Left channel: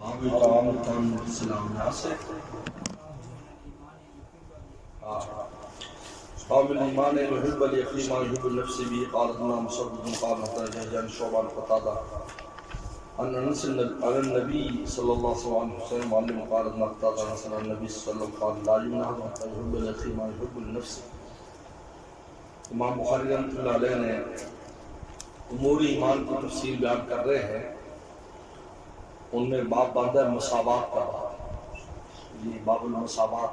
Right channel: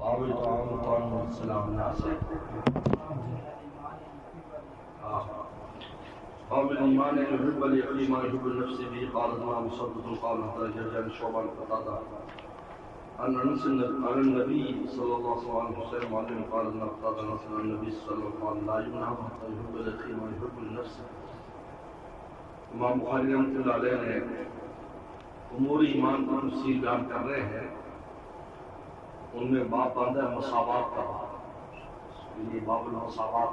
باب التعامل السلام یہاں سے باب الایمان يحب الاخي ما يحب لنفسه به قال ابن مسدد قال حدثنا شعبة عن قتادة عن انس عن النبي صلى الله عليه وسلم معلم قال ابن قتادة عن النبي صلى الله عليه وسلم قال لا يمنع حتى يحب الاخي ما يحب لنفسه. امام بخاری رحمۃ اللہ علیہ نے امور ایمان کی تفصیل بیان کر رہے ہیں. ان میں باب باندھا ہے مساوات کا باب، یہ باب المساوات،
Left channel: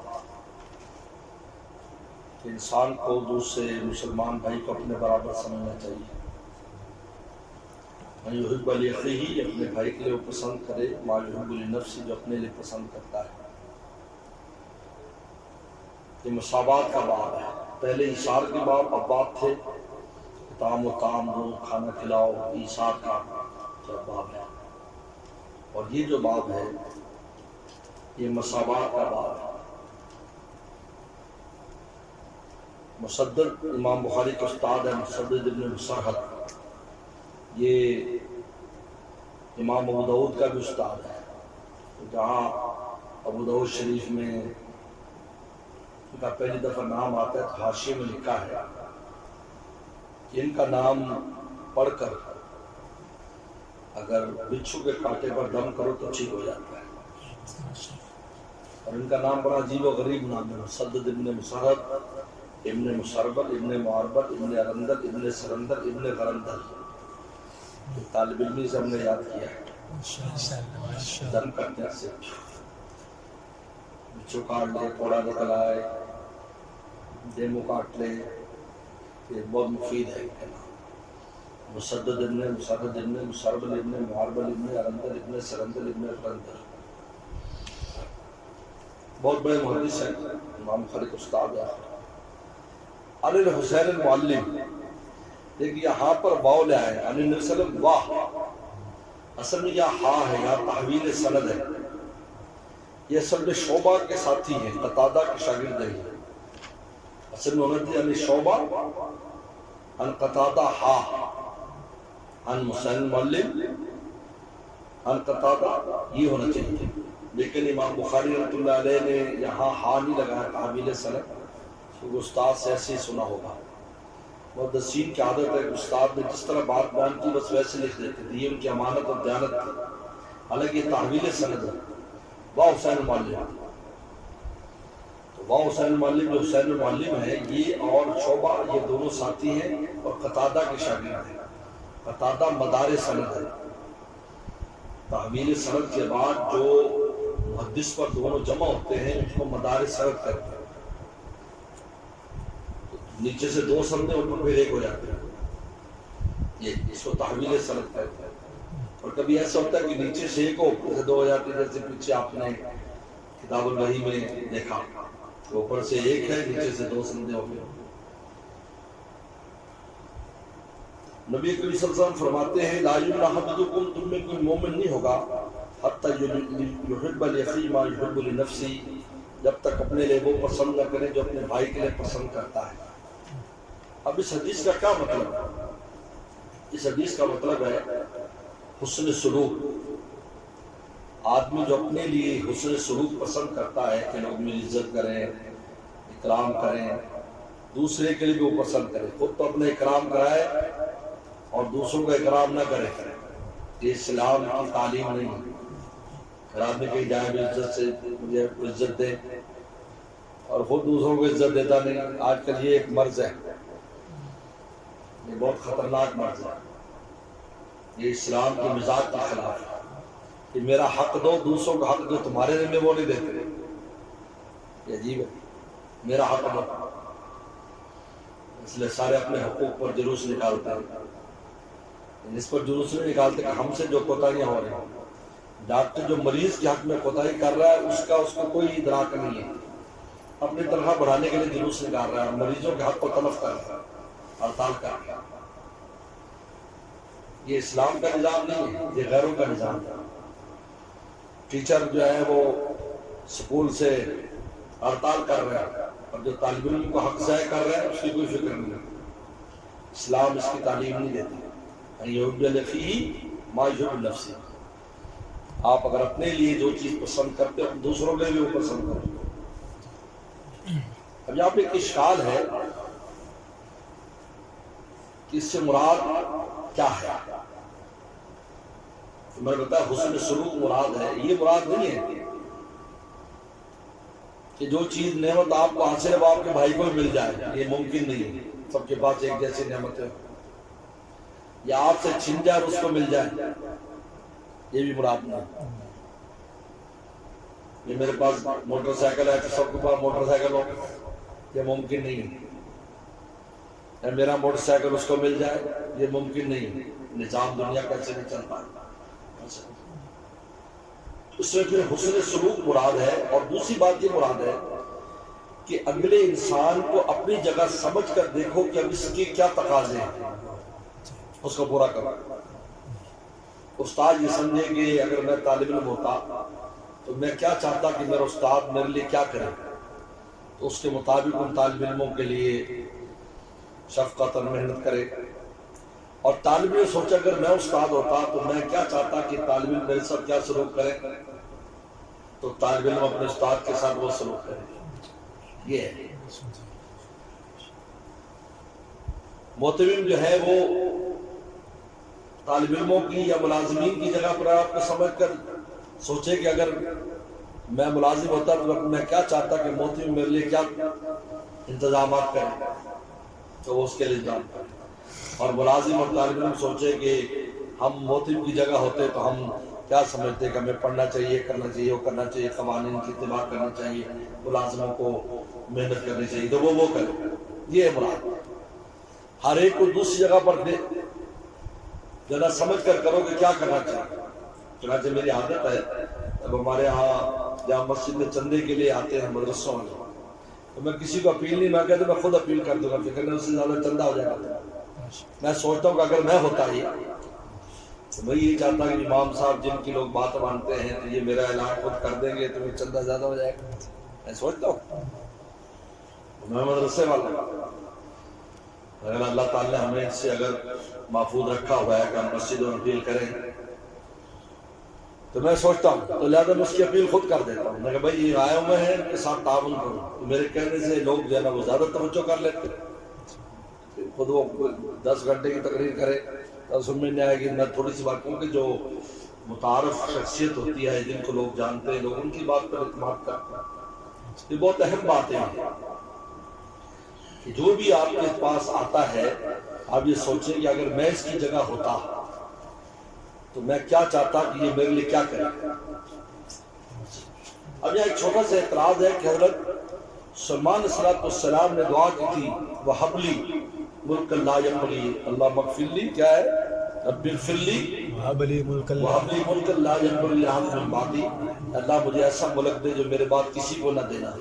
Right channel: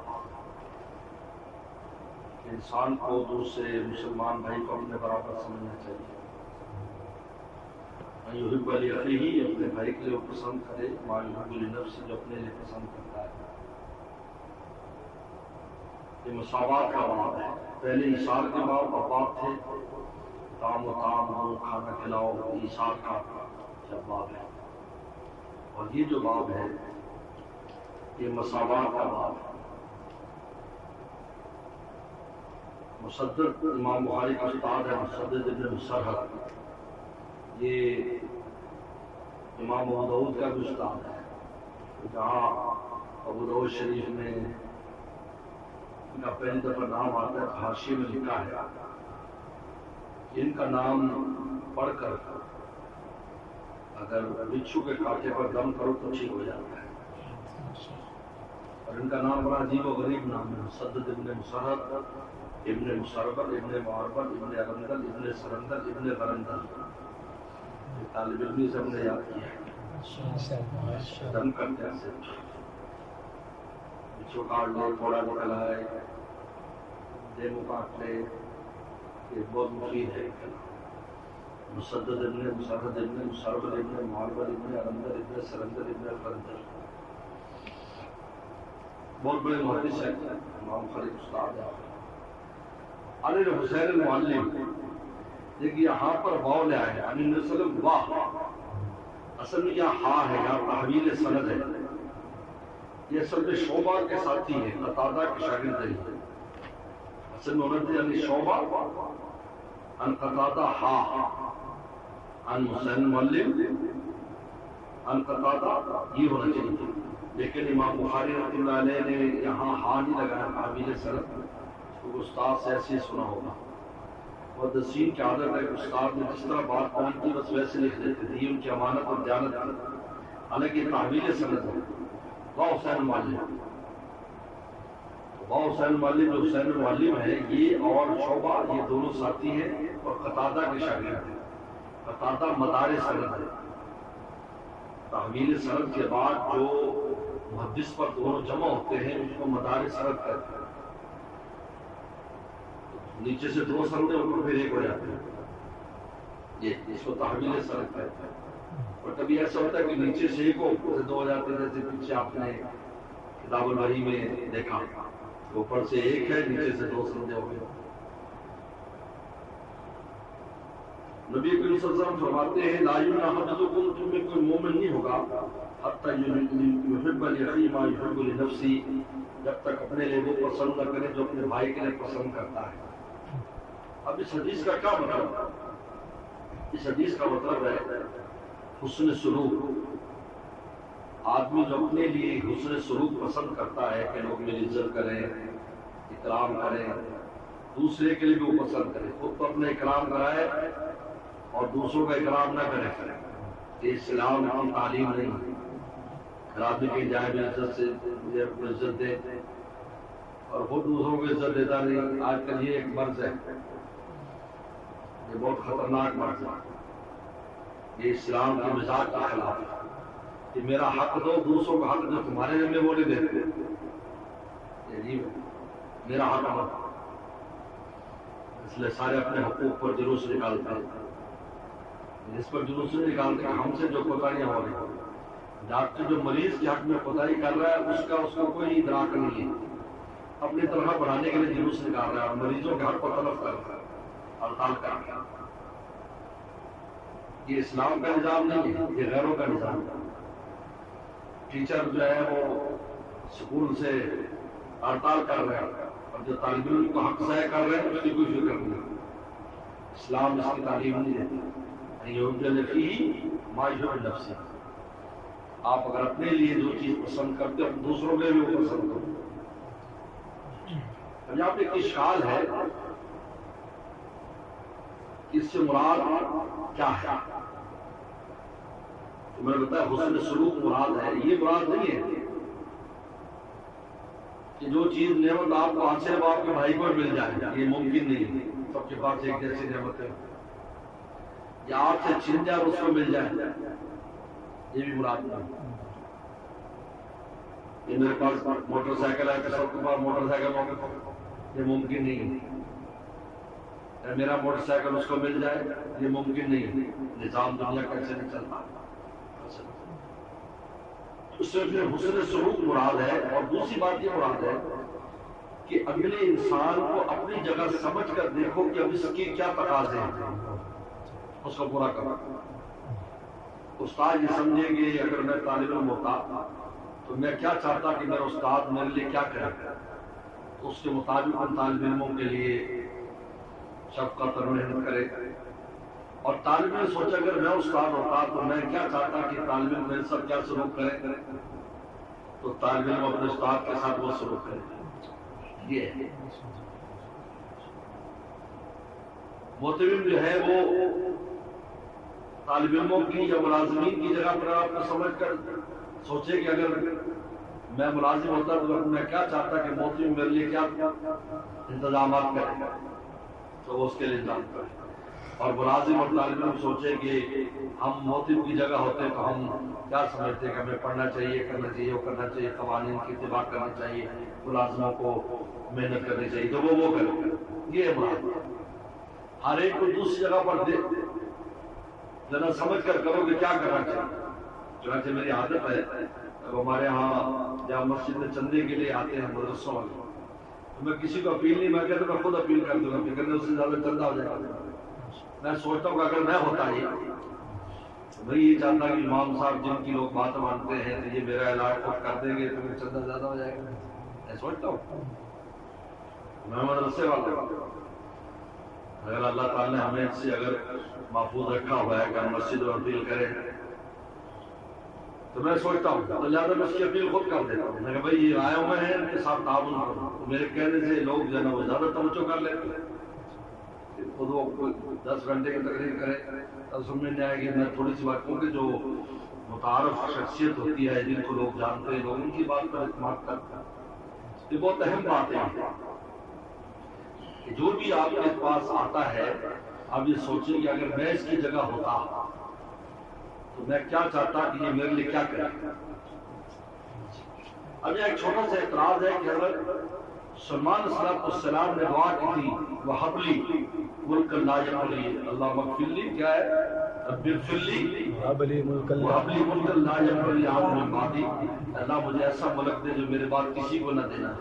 کہ انسان کو دوسرے مسلمان بھائی کو اپنے برابر سمجھنا چاہیے. ما یحب لاخیہ، اپنے بھائی کے لیے وہ پسند کرے، ما یحب لنفسہ، جو اپنے لیے پسند کرتا ہے. یہ مساوات کا باب ہے. پہلے ایثار کے باب تھے، طعام و طعام ہو، کھانا کھلاؤ، ایثار کا باب ہے. اور یہ جو باب ہے یہ مساوات کا باب ہے. مسدد امام بخاری کا استاد ہے، مسدد ابن مسرحد، یہ امام ابو داؤد کا بھی استاد ہے. جہاں ابو داؤد شریف میں ان کا پہلی دفعہ نام آتا ہے تو حاشیے میں لکھا ہے کہ ان کا نام پڑھ کر اگر بچھو کے کانٹے پر دم کرو تو ٹھیک ہو جاتا ہے. اور ان کا نام بڑا عجیب و غریب نام ہے، مسدد ابن مسرحد ابن مسربل ابن معربل ابن ارندل ابن سرندل ابن غرندل. طالب علمی سے ہم نے یاد کیا ہے. دم کرتے ہیں سے بچھو کاٹ لے، کوڑا نکل آئے، ڈیمو کاٹ لے، یہ بہت مفید ہے. مسدد ابن مسرحد ابن مسربل ابن معربل ابن ارندل ابن سرندل ابن غرندل، بہت بڑے محدث ہیں، امام بخاری کے استاد ہیں. علی الحسین المعلم، دیکھیے یہاں پر واو لے آئے علی النبی صلی اللہ علیہ وسلم، واہ اصل میں یہ ہاں ہے، یہاں تحویل سند ہے. یہ اصل میں شعبہ کے ساتھی ہیں، قتادہ کے شاگرد ہیں. اصل میں انہوں نے علی شعبہ ان قتادہ ہا ان حسین المعلم ان قتادہ، یہ ہونا چاہیے. لیکن امام بخاری رحمۃ اللہ علیہ نے یہاں ہا نہیں لگایا تحویل سند، تو استاد سے ایسے ہی سنا ہوگا. محدثین کی عادت ہے کہ استاد نے جس طرح بات بیان کی بس ویسے لکھ دیتے تھے، یہ ان کی امانت اور دیانت تھی. حالانکہ یہ تحویل سند ہے. واہ حسین المعلم، واہ حسین المعلم جو حسین المعلم ہے، یہ اور شعبہ یہ دونوں ساتھی ہیں اور قتادہ کے شاگرد ہیں. قتادہ مدار سند ہے. تحویل سند کے بعد جو محدث پر دونوں جمع ہوتے ہیں اس کو مدار سند کہتے ہیں. نیچے سے دو سندیں ان کو پھر ایک ہو جاتے ہیں، یہ اس کو تحویل سند کہتے ہیں. اور کبھی ایسا ہوتا ہے کہ نیچے سے ایک اوپر سے دو ہو جاتے ہیں، جیسے پیچھے آپ نے کتاب الوحی میں دیکھا، اوپر سے ایک ہے نیچے سے دو سندیں ہو گئے. نبی کریم صلی اللہ علیہ وسلم فرماتے ہیں لا یمنع احدکم، تم میں کوئی مومن نہیں ہوگا حتی یحب لاخیہ ما یحب لنفسہ، جب تک اپنے لیے وہ پسند نہ کرے جو اپنے بھائی کے لیے پسند کرتا ہے. اب اس حدیث کا کیا مطلب ہے؟ اس حدیث کا مطلب ہے حسن سلوک. آدمی جو اپنے لیے حسن سلوک پسند کرتا ہے کہ لوگ میری عزت کریں، اکرام کریں، دوسرے کے لیے بھی وہ پسند کرے. خود تو اپنے اکرام کرائے اور دوسروں کا اکرام نہ کرے. یہ اسلام کی تعلیم نہیں. آدمی کی جائے بھی عزت سے مجھے عزت دے اور خود دوسروں کو عزت دیتا نہیں. آج کل یہ ایک مرض ہے، یہ بہت خطرناک مرض ہے. یہ اسلام کے مزاج کے خلاف ہے کہ میرا حق دو، دوسروں کا حق جو تمہارے ذمہ وہ نہیں دیتے. یہ عجیب ہے، میرا حق دو. اس لیے سارے اپنے حقوق پر جلوس نکالتے ہیں. اس پر جلوس نہیں نکالتے کہ ہم سے جو کوتاہیاں ہو رہی ہیں. ڈاکٹر جو مریض کے حق میں کوتاہی کر رہا ہے اس کو کوئی ادراک نہیں ہے، اپنی تنخواہ بڑھانے کے لیے جلوس نکال رہا ہے اور مریضوں کے حق کو تلف کر رہا ہے، ہڑتال کر رہا ہے. یہ اسلام کا نظام نہیں ہے، یہ غیروں کا نظام ہے. ٹیچر جو ہے وہ سکول سے ہڑتال کر رہے ہیں اور جو طالب علم کو حق ضائع کر رہے ہیں اس کی کوئی فکر نہیں. اسلام اس کی تعلیم نہیں دیتی. یحب لاخیہ ما یحب لنفسہ، آپ اگر اپنے لیے جو چیز پسند کرتے ہو دوسروں میں بھی وہ پسند کرو. اب یہاں پہ ایک اشکال ہے کہ اس سے مراد کیا ہے. تو میں نے بتایا حسن سلوک مراد ہے. یہ مراد نہیں ہے کہ جو چیز نعمت آپ کو حاصل ہے وہ آپ کے بھائی کو مل جائے. یہ ممکن نہیں ہے. سب کے پاس ایک جیسی نعمت ہے. یا آپ سے چھن جائے اور اس کو مل جائے, یہ بھی مراد نہیں. یہ میرے پاس موٹر سائیکل ہے تو سب کے پاس موٹر سائیکل ہو, یہ ممکن نہیں ہے. میرا موٹر سائیکل اس کو مل جائے, یہ ممکن نہیں. نظام دنیا کیسے نہیں چلتا ہے. اس سے پھر حسن سلوک مراد ہے. اور دوسری بات یہ مراد ہے کہ اگلے انسان کو اپنی جگہ سمجھ کر دیکھو کہ اب اس کے کیا تقاضے ہیں, اس کو پورا کرو. استاد یہ سمجھے کہ اگر میں طالب علم ہوتا تو میں کیا چاہتا کہ میرا استاد میرے لیے کیا کرے, تو اس کے مطابق ان طالب علموں کے لیے شفقت اور محنت کرے. اور طالب علم سوچا اگر میں استاد ہوتا تو میں کیا چاہتا کہ طالب علم میرے ساتھ کیا سلوک کرے, تو طالب علم اپنے استاد کے ساتھ وہ سلوک کرے. یہ ہے محتمم جو ہے وہ طالب علموں کی یا ملازمین کی جگہ پر آپ کو سمجھ کر سوچے کہ اگر میں ملازم ہوتا تو میں کیا چاہتا کہ محتمم میرے لیے کیا انتظامات کرے, تو اس کے لیے انتظام کرے. اور ملازم اور طالب علم سوچے کہ ہم محتمم کی جگہ ہوتے تو ہم کیا سمجھتے کہ ہمیں پڑھنا چاہیے, کرنا چاہیے, وہ کرنا چاہیے, قوانین کی اتباع کرنا چاہیے, ملازموں کو محنت کرنی چاہیے, تو وہ کرے. یہ مراد. ہر ایک کو دوسری جگہ پر دے ذرا سمجھ کر کرو کہ کیا کرنا چاہیے. چنانچہ میری عادت ہے اب ہمارے ہاں جہاں مسجد میں چندے کے لیے آتے ہیں مدرسوں والے, تو میں کسی کو اپیل نہیں, میں کہتا میں خود اپیل کر دوں گا, فکر نہیں, اس سے زیادہ چندہ ہو جائے گا. میں سوچتا ہوں کہ اگر میں ہوتا ہی تو میں یہ چاہتا کہ امام صاحب جن کی لوگ بات مانتے ہیں تو یہ میرا اعلان خود کر دیں گے تو میرا چندہ زیادہ ہو جائے گا. میں سوچتا ہوں میں مدرسے والا ہوں, اگر اللہ تعالیٰ نے ہمیں اس سے اگر محفوظ رکھا ہوا ہے کہ ہم مسجد میں اپیل کریں تو میں سوچتا ہوں, تو لہٰذا میں اس کی اپیل خود کر دیتا ہوں. میں کہ بھائی یہ آئے ہوئے ہیں ان کے ساتھ تعاون کرو. تو میرے کہنے سے لوگ جو ہے نا وہ زیادہ توجہ کر لیتے ہیں. خود وہ 10 گھنٹے کی تقریر کرے تو سننے نہیں آئے گی. میں تھوڑی سی بات کہوں کہ جو متعارف شخصیت ہوتی ہے جن کو لوگ جانتے ہیں, لوگ ان کی بات پر اعتماد کرتے ہیں. یہ بہت اہم بات ہے کہ جو بھی آپ کے پاس آتا ہے آپ یہ سوچیں کہ اگر میں اس کی جگہ ہوتا تو میں کیا چاہتا کہ یہ میرے لیے کیا کرے. اب یہاں ایک چھوٹا سا اعتراض ہے کہ حضرت سلمان علیہ السلام نے دعا کی تھی وَحَبْ لِي مُلْكًا لَا يَنبَغِي اللَّهُمَّ اغْفِرْ لِي, کیا ہے, رَبِّ اغْفِرْ لِي وَحَبْ لِي مُلْكًا لَا يَنبَغِي لِأَحَدٍ مِّن بَعْدِي, اللہ مجھے ایسا ملک دے جو میرے بعد کسی کو نہ دینا.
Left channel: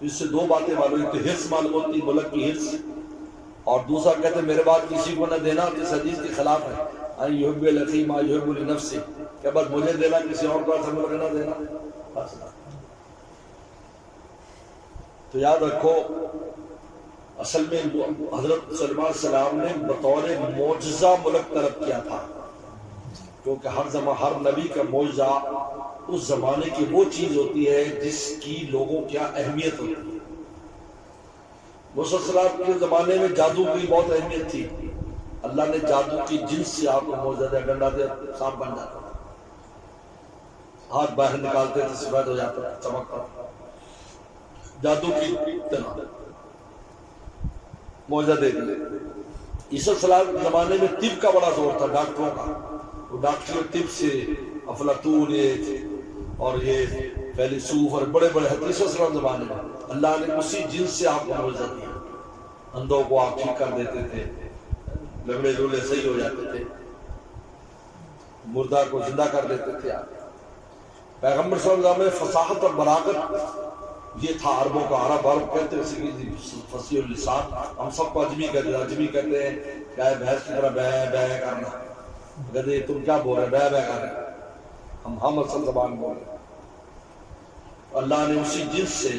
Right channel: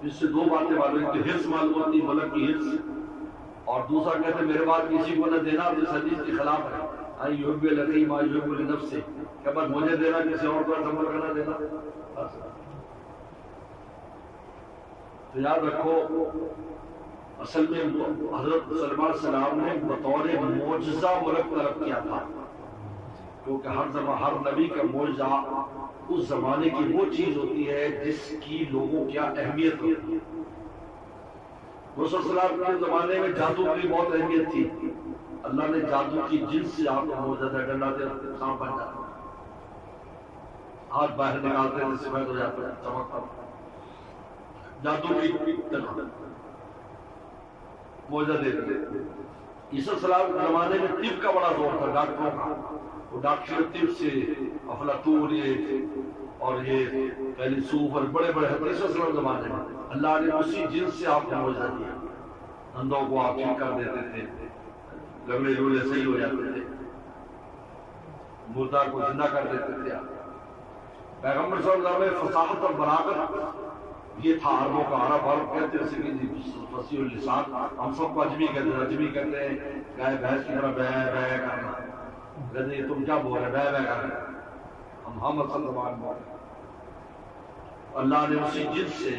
اس سے دو باتیں معلوم ہوئی کہ حرص معلوم ہوتی, ملک کی حرص, اور دوسرا کہتے ہیں میرے بعد کسی کو نہ دینا. اس حدیث کے خلاف ہے ان يحب الاخي ما يحب لنفسه, کہ بس مجھے دینا کسی اور کو ایسا ملک نہ دینا. تو یاد رکھو اصل میں حضرت سلمان علیہ السلام نے بطور معجزہ ملک طلب کیا تھا, کیونکہ ہر نبی کا معجزہ اس زمانے کی وہ چیز ہوتی ہے جس کی لوگوں کیا اہمیت ہوتی ہے. موسیٰ صلی اللہ علیہ وسلم کے زمانے میں جادو کی بہت اہمیت تھی. اللہ نے جادو کی جنس سے آپ کو معجزہ دیا, ڈنڈا دیا سانپ بن جاتا, ہاتھ باہر نکالتے تھے سفید ہو جاتا, چمکتا, جادو کی طرح معجزہ دے دیا. عیسیٰ صلی اللہ علیہ زمانے میں طب کا بڑا زور تھا, ڈاکٹروں کا. وہ ڈاکٹر طب سے افلاطون اور یہ فیلسوف اور بڑے بڑے حدیث صلی اللہ علیہ زمانے میں اللہ نے اسی جنس سے آپ کو معجزہ دیا. اندھوں کو آپ ٹھیک کر دیتے تھے, لگڑے لوڑے صحیح ہو جاتے تھے, مردہ کو زندہ کر دیتے تھے. پیغمبر صلی اللہ علیہ وسلم میں فصاحت اور بلاغت یہ تھا. عربوں کا عرب کہتے ہیں فصیح اللسان, ہم سب کو اجمی کہتے ہیں گائے بھینس کی طرح بے بے کرنا. گدے تم کیا بول رہے, بے بے کر رہے, ہم اصل زبان بول رہے. اللہ نے اسی جنس سے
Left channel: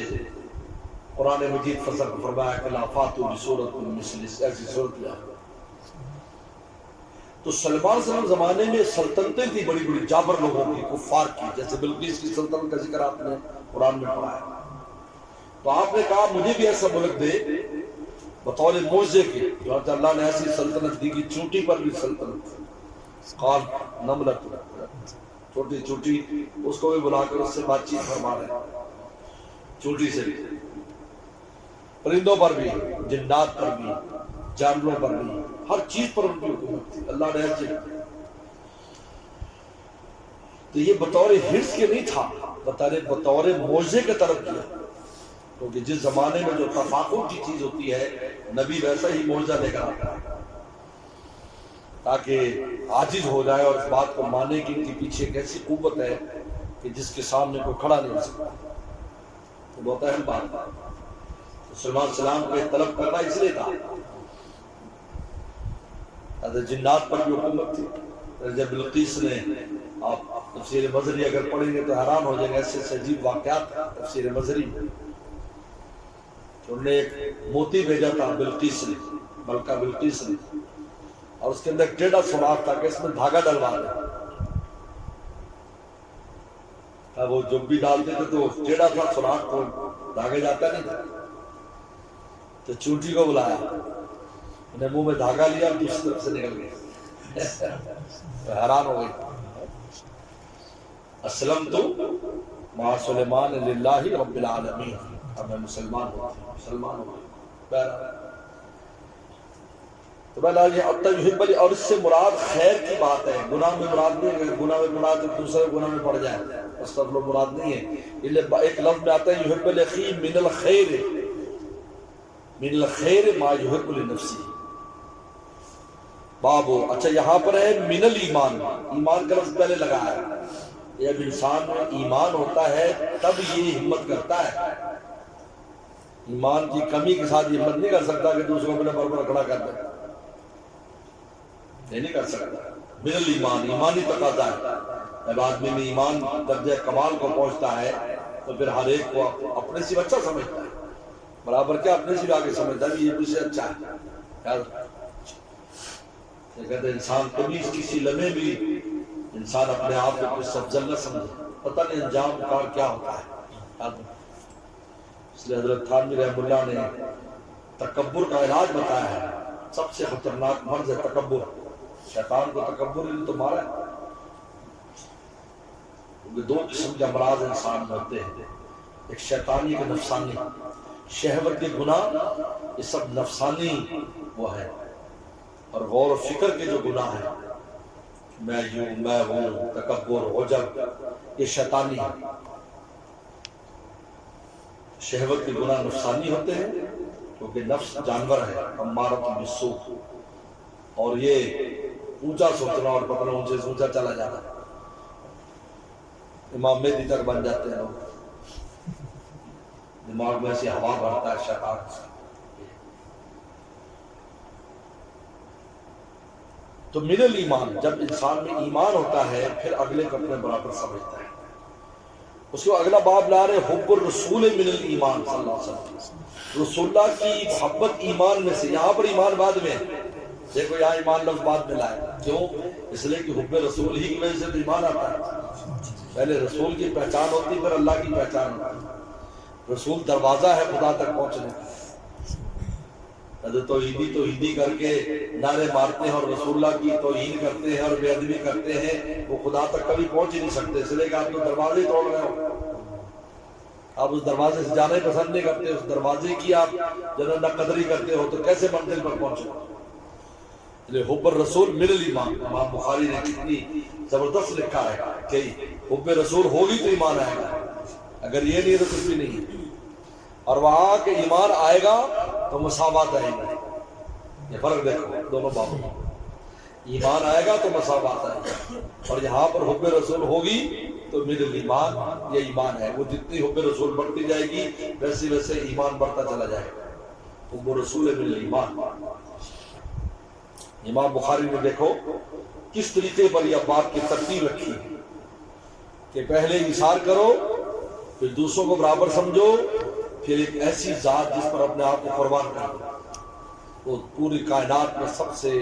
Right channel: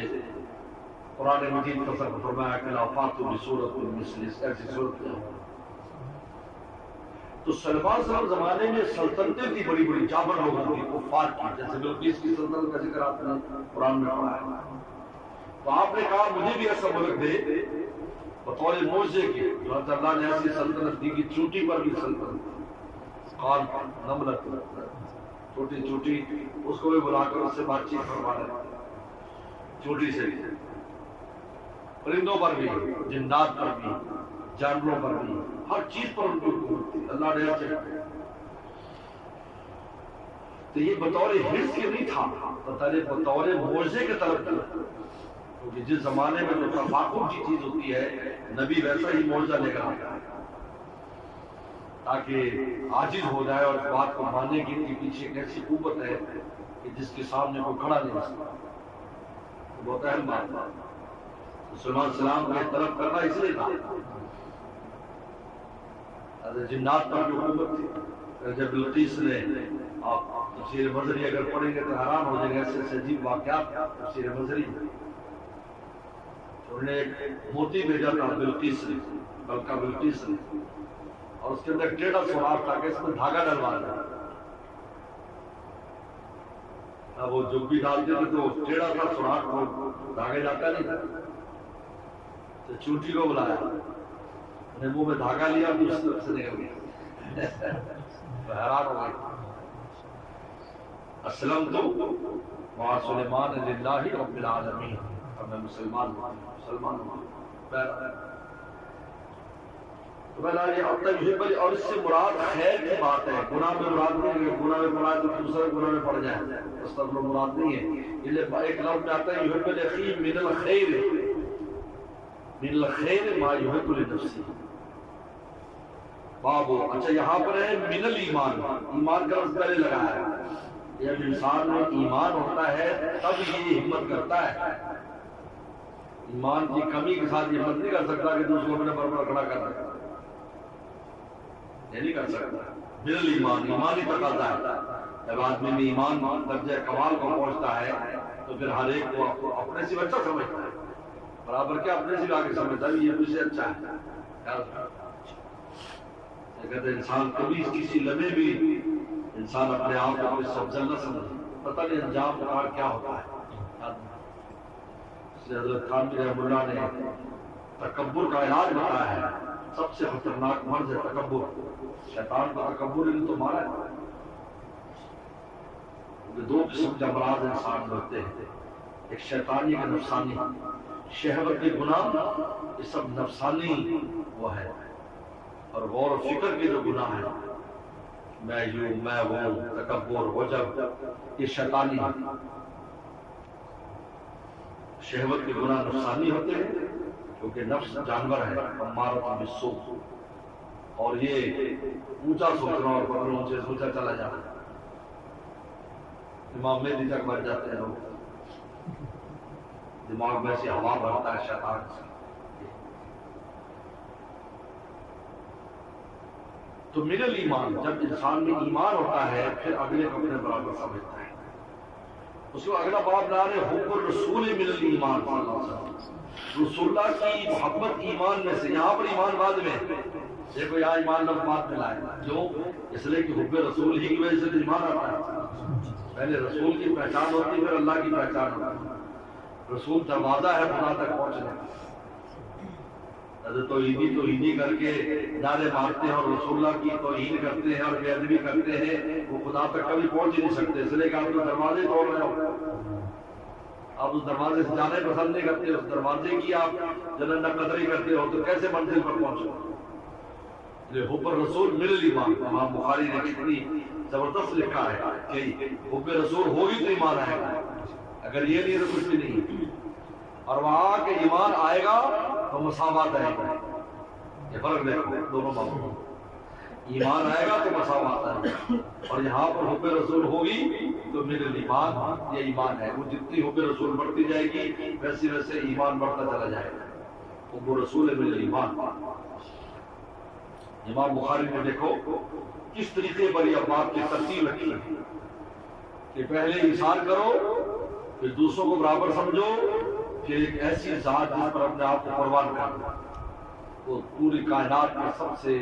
قرآن مجید فصل فرمایا کہ لا فاتو بسورۃ مثل, ایسی صورت لا. تو سلمان صاحب زمانے میں سلطنتیں تھی بڑی بڑی جابر لوگوں کی، کفار کی، جیسے بلقیس کی سلطنت کا ذکر آپ نے قرآن میں پڑھا ہے۔ تو آپ نے کہا مجھے بھی ایسا ملک دے بطور موزے کے، جو اللہ نے ایسی سلطنت دی کہ چوٹی پر بھی سلطنت، قال نملت، چھوٹی چھوٹی، اس کو بھی بلا کر اس سے بات چیت فرما رہے، چھوٹی سے پرندوں پر بھی، جنات پر بھی، جانوروں پر بھی، ہر چیز پر ان کی حکومت تھی، اللہ نے ایسے۔ تو یہ بطور حرص کے نہیں تھا، بطور معجزے کے طلب کیا، کیونکہ جس زمانے میں جو تفاخر کی چیز ہوتی ہے نبی ویسا ہی معجزہ لے کر آتا ہے تاکہ عاجز ہو جائے اور اس بات کو مانے کہ ان کے پیچھے ایک ایسی قوت ہے کہ جس کے سامنے کوئی کھڑا نہیں ہو سکتا۔ تو بہت اہم بات ہے، سلیمان السلام کو طلب کرنا اس لیے تھا، حضرت جنات پر بھی حکومت تھی۔ جب بلقیس نے، آپ تفسیر مظہری اگر پڑھیں گے تو حیران ہو جائیں گے، ایسے عجیب واقعات تفسیر مظہری میں۔ انہوں نے ایک موتی بھیجا تھا بلقیس نے، ملکہ بلقیس نے، اور اس کے اندر ٹیڑھا سوراخ تھا کہ اس میں دھاگا ڈلوا دیں۔ وہ جب بھی ڈالتے تھے تو ٹیڑھا تھا سوراخ، تو دھاگے جاتا نہیں تھا۔ تو چوٹی کو بلایا، انہیں منہ میں دھاگا لیا، دوسری طرف سے نکل گیا، تو حیران ہو گئی۔ اسلمت مع سلیمان للہ رب العالمین، اب میں مسلمان ہوا، تو بہرحال یہ اب تک یحب، اور اس سے مراد خیر کی بات ہے، گناہ میں مراد نہیں ہے، گناہ میں مراد تو دوسرے گناہ میں پڑ جائے، استغفر مراد نہیں ہے۔ ایک لفظ میں آتا ہے یحب الاخی من الخیر، من الخیر ما یحب لنفسی، بابو، اچھا یہاں پر ہے من الایمان، ایمان کا لفظ پہلے لگا ہے۔ جب انسان میں ایمان ہوتا ہے تب یہ ہمت کرتا ہے، ایمان کی کمی کے ساتھ یہ ہمت نہیں کر سکتا کہ دوسروں کو اپنے برابر کھڑا کر دے، یہ نہیں کر سکتا۔ من الایمان، ایمانی تقاضا ہے، جب آدمی میں ایمان درجہ کمال کو پہنچتا ہے تو پھر ہر ایک کو اپنے سے اچھا سمجھتا ہے، برابر کیا اپنے سے بھی آگے سمجھتا ہے یہ مجھ سے اچھا ہے۔ کہتے ہیں انسان کبھی کسی لمحے بھی انسان اپنے آپ کو اپنے سے افضل نہ سمجھے، پتہ نہیں انجام کار کیا ہوتا ہے۔ اس لیے حضرت تھانوی رحمہ اللہ نے تکبر کا علاج بتایا ہے، سب سے خطرناک مرض ہے تکبر، شیطان کو تکبر نے تو مارا ہے۔ دو قسم کے امراض انسان میں ہوتے ہیں، ایک شیطانی کا نفسانی، شہوت کے گناہ یہ سب نفسانی وہ ہے، اور غور و فکر کے جو گناہ ہیں، میں یوں میں ہوں، تکبر، عجب، یہ شیطانی ہے۔ شہوت کے گناہ نفسانی ہوتے ہیں کیونکہ نفس جانور ہے، امارۃ بالسوء، اور یہ اونچا سوچنا اور پتہ اونچے سے اونچا چلا جانا، امام مہدی تک بن جاتے ہیں لوگ، دماغ میں سے ہوا بھرتا ہے شیطان سے۔ تو من الایمان، جب انسان میں ایمان ہوتا ہے پھر اگلے کو اپنے برابر سمجھتا ہے۔ اس کو اگلا باب لا رہے حب الرسول من الایمان، صلی اللہ علیہ وسلم، رسول اللہ کی محبت ایمان میں سے، یہاں پر ایمان بعد میں، دیکھو یہاں ایمان لفظ بعد میں لائے، کیوں؟ اس لیے کہ حب رسول ہی کی وجہ سے تو ایمان آتا ہے، پہلے رسول کی پہچان ہوتی پھر اللہ کی پہچان ہوتی۔ رسول دروازہ ہے خدا تک پہنچنے کا، توحیدی کر کے نعرے مارتے ہیں اور رسول اللہ کی توہین کرتے ہیں اور بے ادبی کرتے ہیں، وہ خدا تک کبھی پہنچ ہی نہیں سکتے، اس لیے کہ آپ تو دروازے توڑ رہے ہو، آپ اس دروازے سے جانے پسند نہیں کرتے، اس دروازے کی آپ جنت نہ قدری کرتے ہو تو کیسے منزل پر پہنچو؟ حب الرسول من الایمان، امام بخاری نے کتنی زبردست لکھا ہے کہ حب رسول ہوگی تو ایمان آئے گا، اگر یہ نہیں ہے تو کچھ بھی نہیں ہے، اور وہاں کے ایمان آئے گا تو مساوات آئے گا، یہ فرق دیکھو دونوں باتوں میں، ایمان آئے گا تو مساوات آئے گا، اور یہاں پر حب رسول ہوگی تو من الایمان، یہ ایمان ہے، وہ جتنی حب رسول بڑھتی جائے گی ویسے ویسے ایمان بڑھتا چلا جائے گا، حب رسول من الایمان۔ امام بخاری نے دیکھو کس طریقے پر یہ بات کی ترتیب رکھی ہے کہ پہلے ایثار کرو، پھر دوسروں کو برابر سمجھو، پھر ایک ایسی ذات جس پر اپنے آپ کو قربان کر دو، وہ پوری کائنات میں سب سے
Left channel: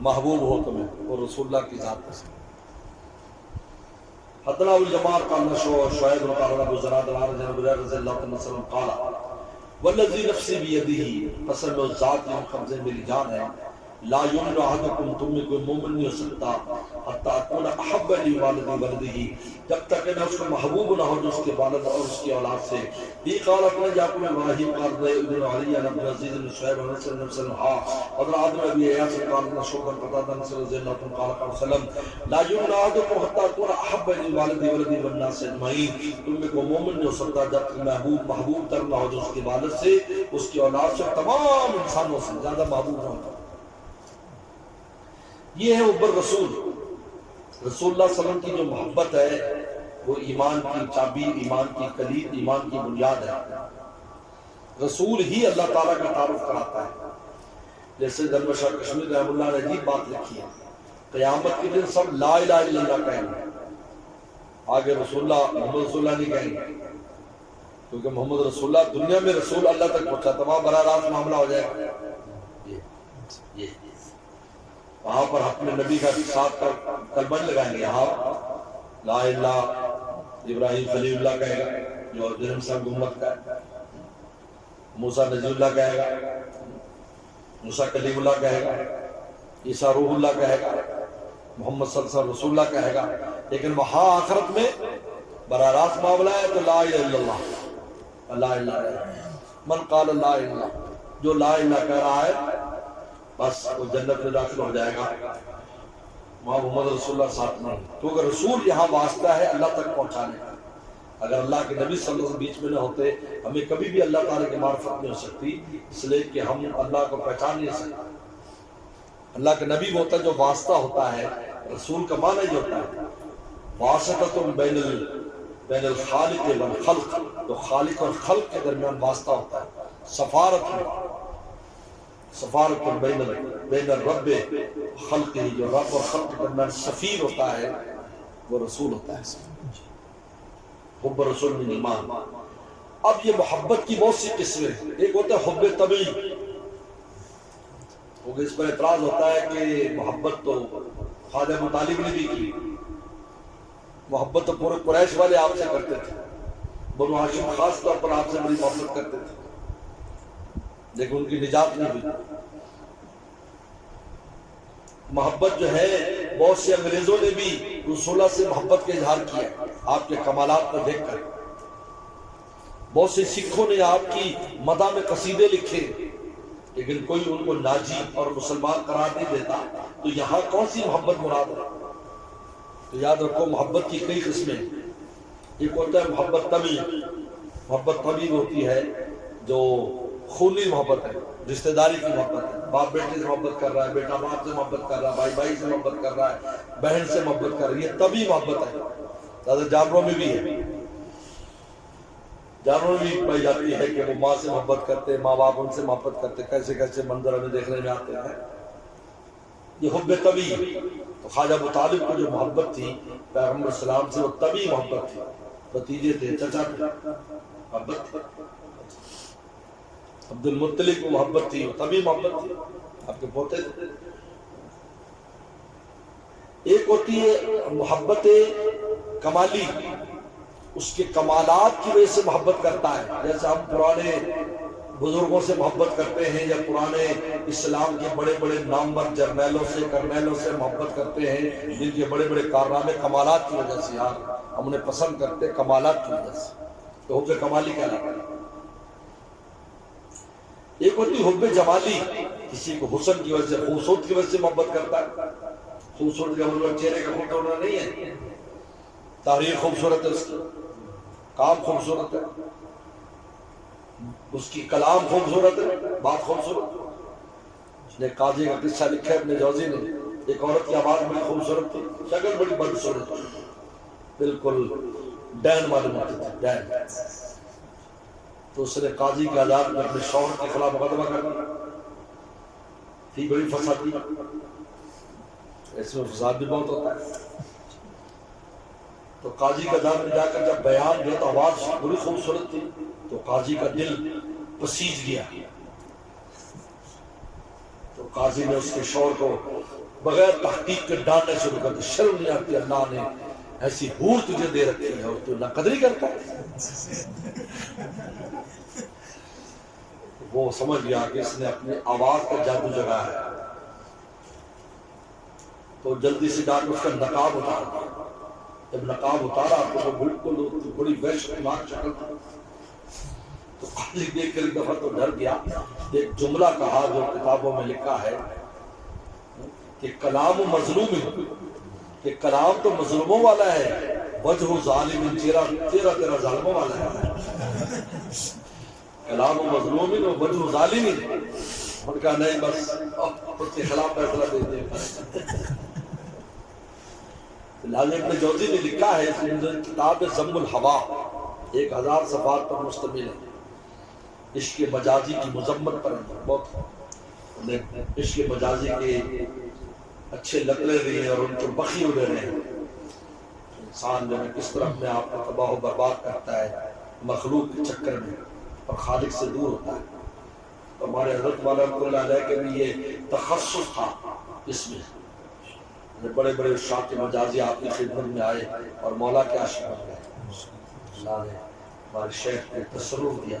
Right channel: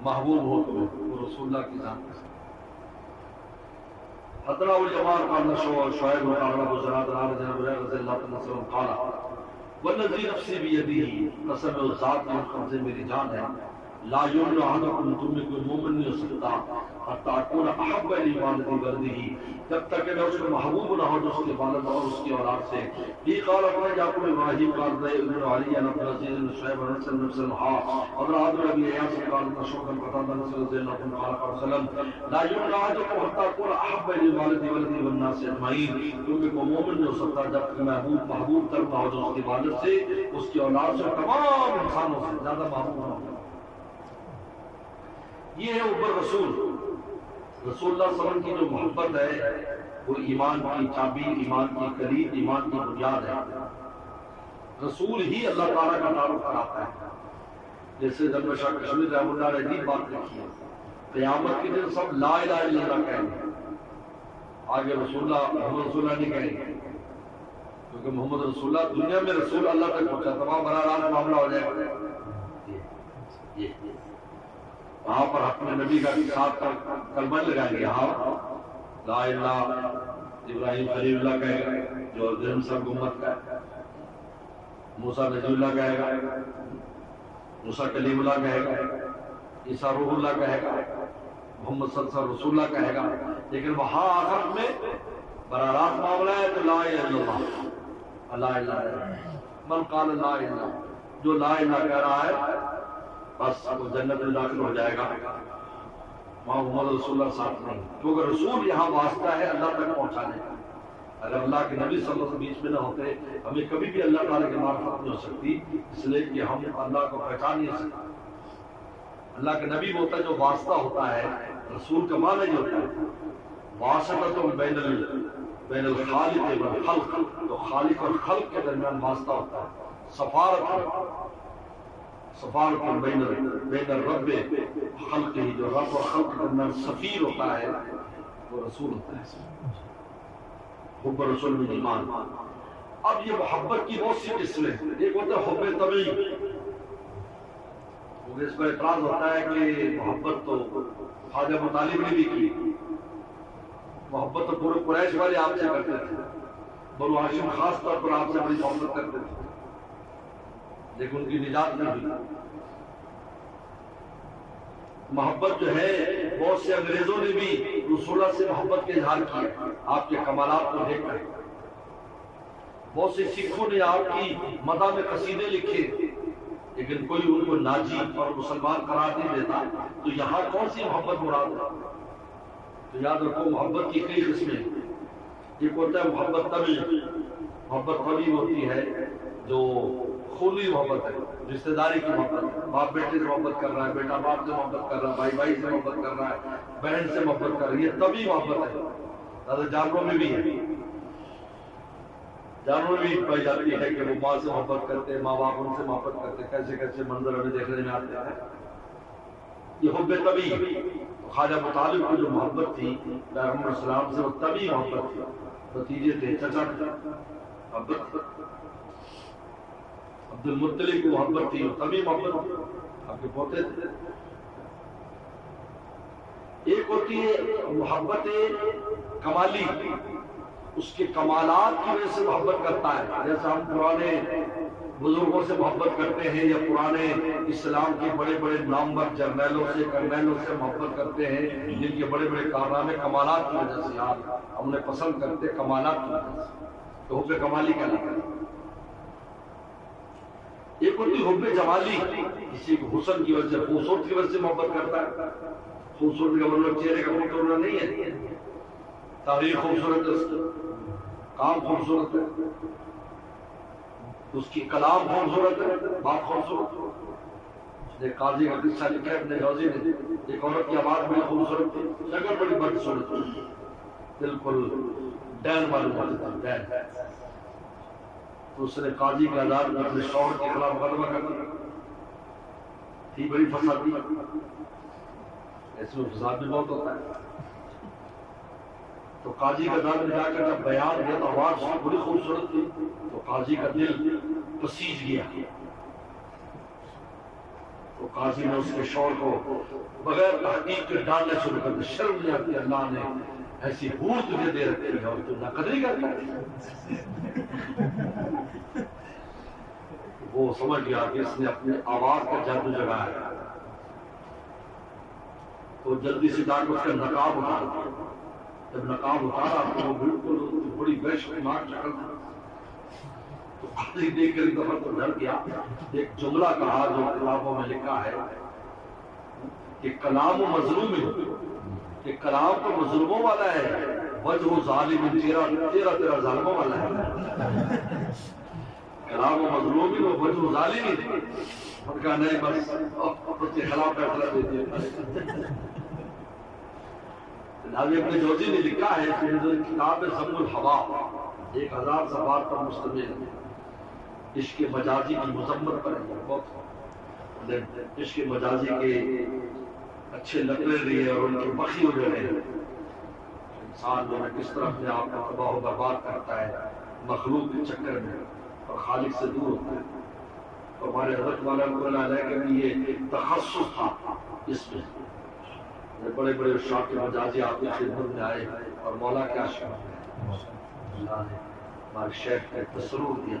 محبوب ہو تمہیں، وہ رسول اللہ کی ذات ہے۔ حدنا الجماعت قال شعیب قال ابو زراد رضی اللہ عنہ وسلم قال والذی نفسی بیدہ، قسم ذات کے قبضے میری جان ہے، لا یمن احدکم، تم میں کوئی مومن نہیں ہو سکتا حتی اکون احب الی والدی ولدہ، جب تک کہ میں اس کو محبوب نہ ہو اس کے والد اور اس کی اولاد سے۔ یہ قال اپنے یعقوب ابراہیم قال ابن علی عن عبد العزیز بن شعیب عن رسول اللہ صلی اللہ علیہ وسلم حضرات نبی ایاس قال شوکن قتادہ رضی اللہ عنہ قال قال وسلم لا یمن احدکم حتی اکون احب الی والدی ولدہ والناس اجمعین، تم میں کوئی مومن نہیں ہو سکتا جب تک محبوب تر نہ ہو اس کے والد سے، اس کی اولاد سے، تمام انسانوں سے زیادہ محبوب نہ ہوتا۔ یہ ہے اوپر رسول رسول اللہ صلی اللہ علیہ وسلم کی جو محبت ہے وہ ایمان کی چابی، ایمان کی کلید، ایمان کی بنیاد ہے۔ رسول ہی اللہ تعالیٰ کا تعارف کراتا ہے۔ جیسے زلمہ شاہ کشمیر رحمہ اللہ نے عجیب بات لکھی ہے، قیامت کے دن سب لا الہ الا اللہ کہیں گے، آگے رسول اللہ محمد رسول اللہ نہیں کہیں گے، کیونکہ محمد رسول اللہ دنیا میں رسول اللہ تک پہنچا، تمام براہ راست معاملہ ہو جائے گا۔ یہ وہاں پر اپنے نبی کا ساتھ کلمہ لگائیں گے، یہاں لا الہ ابراہیم خلیل اللہ کہے گا جو درہم صاحب امت کا ہے، موسیٰ نجی اللہ کہے گا، موسیٰ کلیم اللہ کہے گا، عیسیٰ روح اللہ کہے گا، محمد صلی اللہ علیہ وسلم رسول اللہ کہے گا، لیکن وہاں آخرت میں براہ راست معاملہ ہے تو لا الہ الا اللہ، لا الہ الا اللہ، من قال لا الہ، جو لا الہ کہہ رہا ہے بس وہ جنت میں داخل ہو جائے گا، وہاں محمد رسول اللہ ساتھ نہیں، کیونکہ رسول یہاں واسطہ ہے اللہ تک پہنچانے کا۔ اگر اللہ کے نبی صلی اللہ علیہ وسلم بیچ میں نہ ہوتے ہمیں کبھی بھی اللہ تعالیٰ کی معرفت نہیں ہو سکتی، اس لیے کہ ہم اللہ کو پہچان نہیں سکتے۔ اللہ کے نبی وہ ہوتا ہے جو واسطہ ہوتا ہے، رسول کا معنی ہی ہوتا ہے واسطۃ بین الخالق والخلق، تو خالق اور خلق کے درمیان واسطہ ہوتا ہے، سفارت بین الرب خلق ہی، جو رب اور خلق کے درمیان سفیر ہوتا ہے وہ رسول ہوتا ہے۔ حب رسول من ایمان۔ اب یہ محبت کی بہت سی قسمیں، ایک ہوتا ہے حب طبعی، کیونکہ اس پر اعتراض ہوتا ہے کہ محبت تو خواجہ ابو طالب نے بھی کی، محبت تو پورے قریش والے آپ سے کرتے تھے، بنو ہاشم خاص طور پر آپ سے بڑی محبت کرتے تھے، لیکن ان کی نجات نہیں ہوئی۔ محبت جو ہے بہت سے انگریزوں نے بھی رسول اللہ سے محبت کا اظہار کیا، آپ کے کمالات کو دیکھ کر۔ بہت سے سکھوں نے آپ کی مدح میں قصیدے لکھے، لیکن کوئی ان کو ناجی اور مسلمان قرار نہیں دیتا، تو یہاں کون سی محبت مراد ہے؟ تو یاد رکھو محبت کی کئی قسمیں، ایک ہوتا ہے محبت طبعی، محبت طبعی ہوتی ہے جو خونی محبت ہے، رشتہ داری کی محبت ہے، باپ بیٹے سے محبت کر رہا ہے، بیٹا باپ سے محبت کر رہا ہے، بھائی بھائی سے محبت کر رہا ہے، بہن سے محبت کر رہی ہے، یہ طبعی محبت ہے۔ زیادہ جانوروں میں بھی ہے، جانوروں میں بھی پائی جاتی ہے کہ وہ ماں سے محبت کرتے ہیں، ماں باپ ان سے محبت کرتے ہیں، کیسے کیسے منظر ہمیں دیکھنے میں آتے ہیں، یہ حب طبعی۔ تو خواجہ ابو طالب کو جو محبت تھی پیغمبر السلام سے، وہ طبعی محبت تھی، بھتیجے تھے، چچا تھے، محبت تھی۔ عبد المطلب کو محبت تھی، وہ طبعی محبت تھی، آپ کے پوتے تھے۔ ایک ہوتی ہے محبت کمالی، اس کے کمالات کی وجہ سے محبت کرتا ہے، جیسے ہم پرانے بزرگوں سے محبت کرتے ہیں، یا پرانے اسلام کے بڑے بڑے نامور جرنیلوں سے، کرنیلوں سے محبت کرتے ہیں، جن کے بڑے بڑے کارنامے کمالات کی وجہ سے یار ہم انہیں پسند کرتے، کمالات کی وجہ سے، تو حب کمالی کہلاتا ہے۔ ایک ہوتی حب جمالی، کسی کو حسن کی وجہ سے، خوبصورت کی وجہ سے محبت کرتا ہے۔ خوبصورت کا مطلب چہرے کا خوبصورت ہونا نہیں ہے، تاریخ خوبصورت ہے، اس کی کام خوبصورت ہے، اس کی کلام خوبصورت ہے، بات خوبصورت ہے۔ اس نے قاضی کا قصہ لکھا ہے ابن جوزی نے، ایک عورت کی آواز بڑی خوبصورت تھی، شکل بڑی بدصورت تھی، بالکل ڈین معلوم ہوتی تھی، ڈین۔ تو اس نے قاضی کی عدالت میں اپنے شوہر کے خلاف مقدمہ کر دیا، تھی بڑی فسادی، اس میں فساد بھی بہت ہوتا ہے۔ تو قاضی کا عدالت میں جا کر جب بیان دیا تو آواز بڑی خوبصورت تھی، تو قاضی کا دل پسیج گیا، تو قاضی نے اس کے شوہر کو بغیر تحقیق کے ڈالنا شروع کر دے. شرم نہیں آتی اللہ نے ایسی حور تجھے دے رکھی ہے اور تو نہ قدری کرتا ہے. وہ سمجھ گیا کہ اس نے اپنی آواز کا جادو جگایا ہے تو جلدی سے جا کے اس کا نقاب اتار دیا. جب نقاب اتارا تو وہ بالکل بڑی وحشتناک شکل تھی. تو قاضی دیکھ کر ایک دفعہ تو ڈر گیا. ایک جملہ کہا جو کتابوں میں لکھا ہے کہ کلام مظلوم ہے، کہ کلام تو مظلوموں والا ہے، وجہ ظالم چہرہ تیرا ظالموں والا ہے. کلام مظلوم ہے وجہ ظالم ہے. ان کا نہیں بس اس کے خلاف فیصلہ دیتے ہیں. لازم ابن جوزی نے لکھا ہے کتاب ذم الہوا 1000 صفحات پر مشتمل ہے. عشق مجازی کی مذمت پر بہت عشق مجازی کے اچھے لگنے دیے اور ان کو بخی ہو رہے ہیں. انسان جو ہے کس طرح اپنے آپ کو تباہ و برباد کرتا ہے مخلوق کے چکر میں اور خالق سے دور ہوتا ہے. ہمارے حضرت والا علیہ کے بھی یہ تخصص تھا. اس میں بڑے بڑے شاہ کے مجازی آپ کی خدمت میں آئے اور مولا کے عاشق بن گئے. اللہ نے ہمارے شیخ کو تصرف دیا.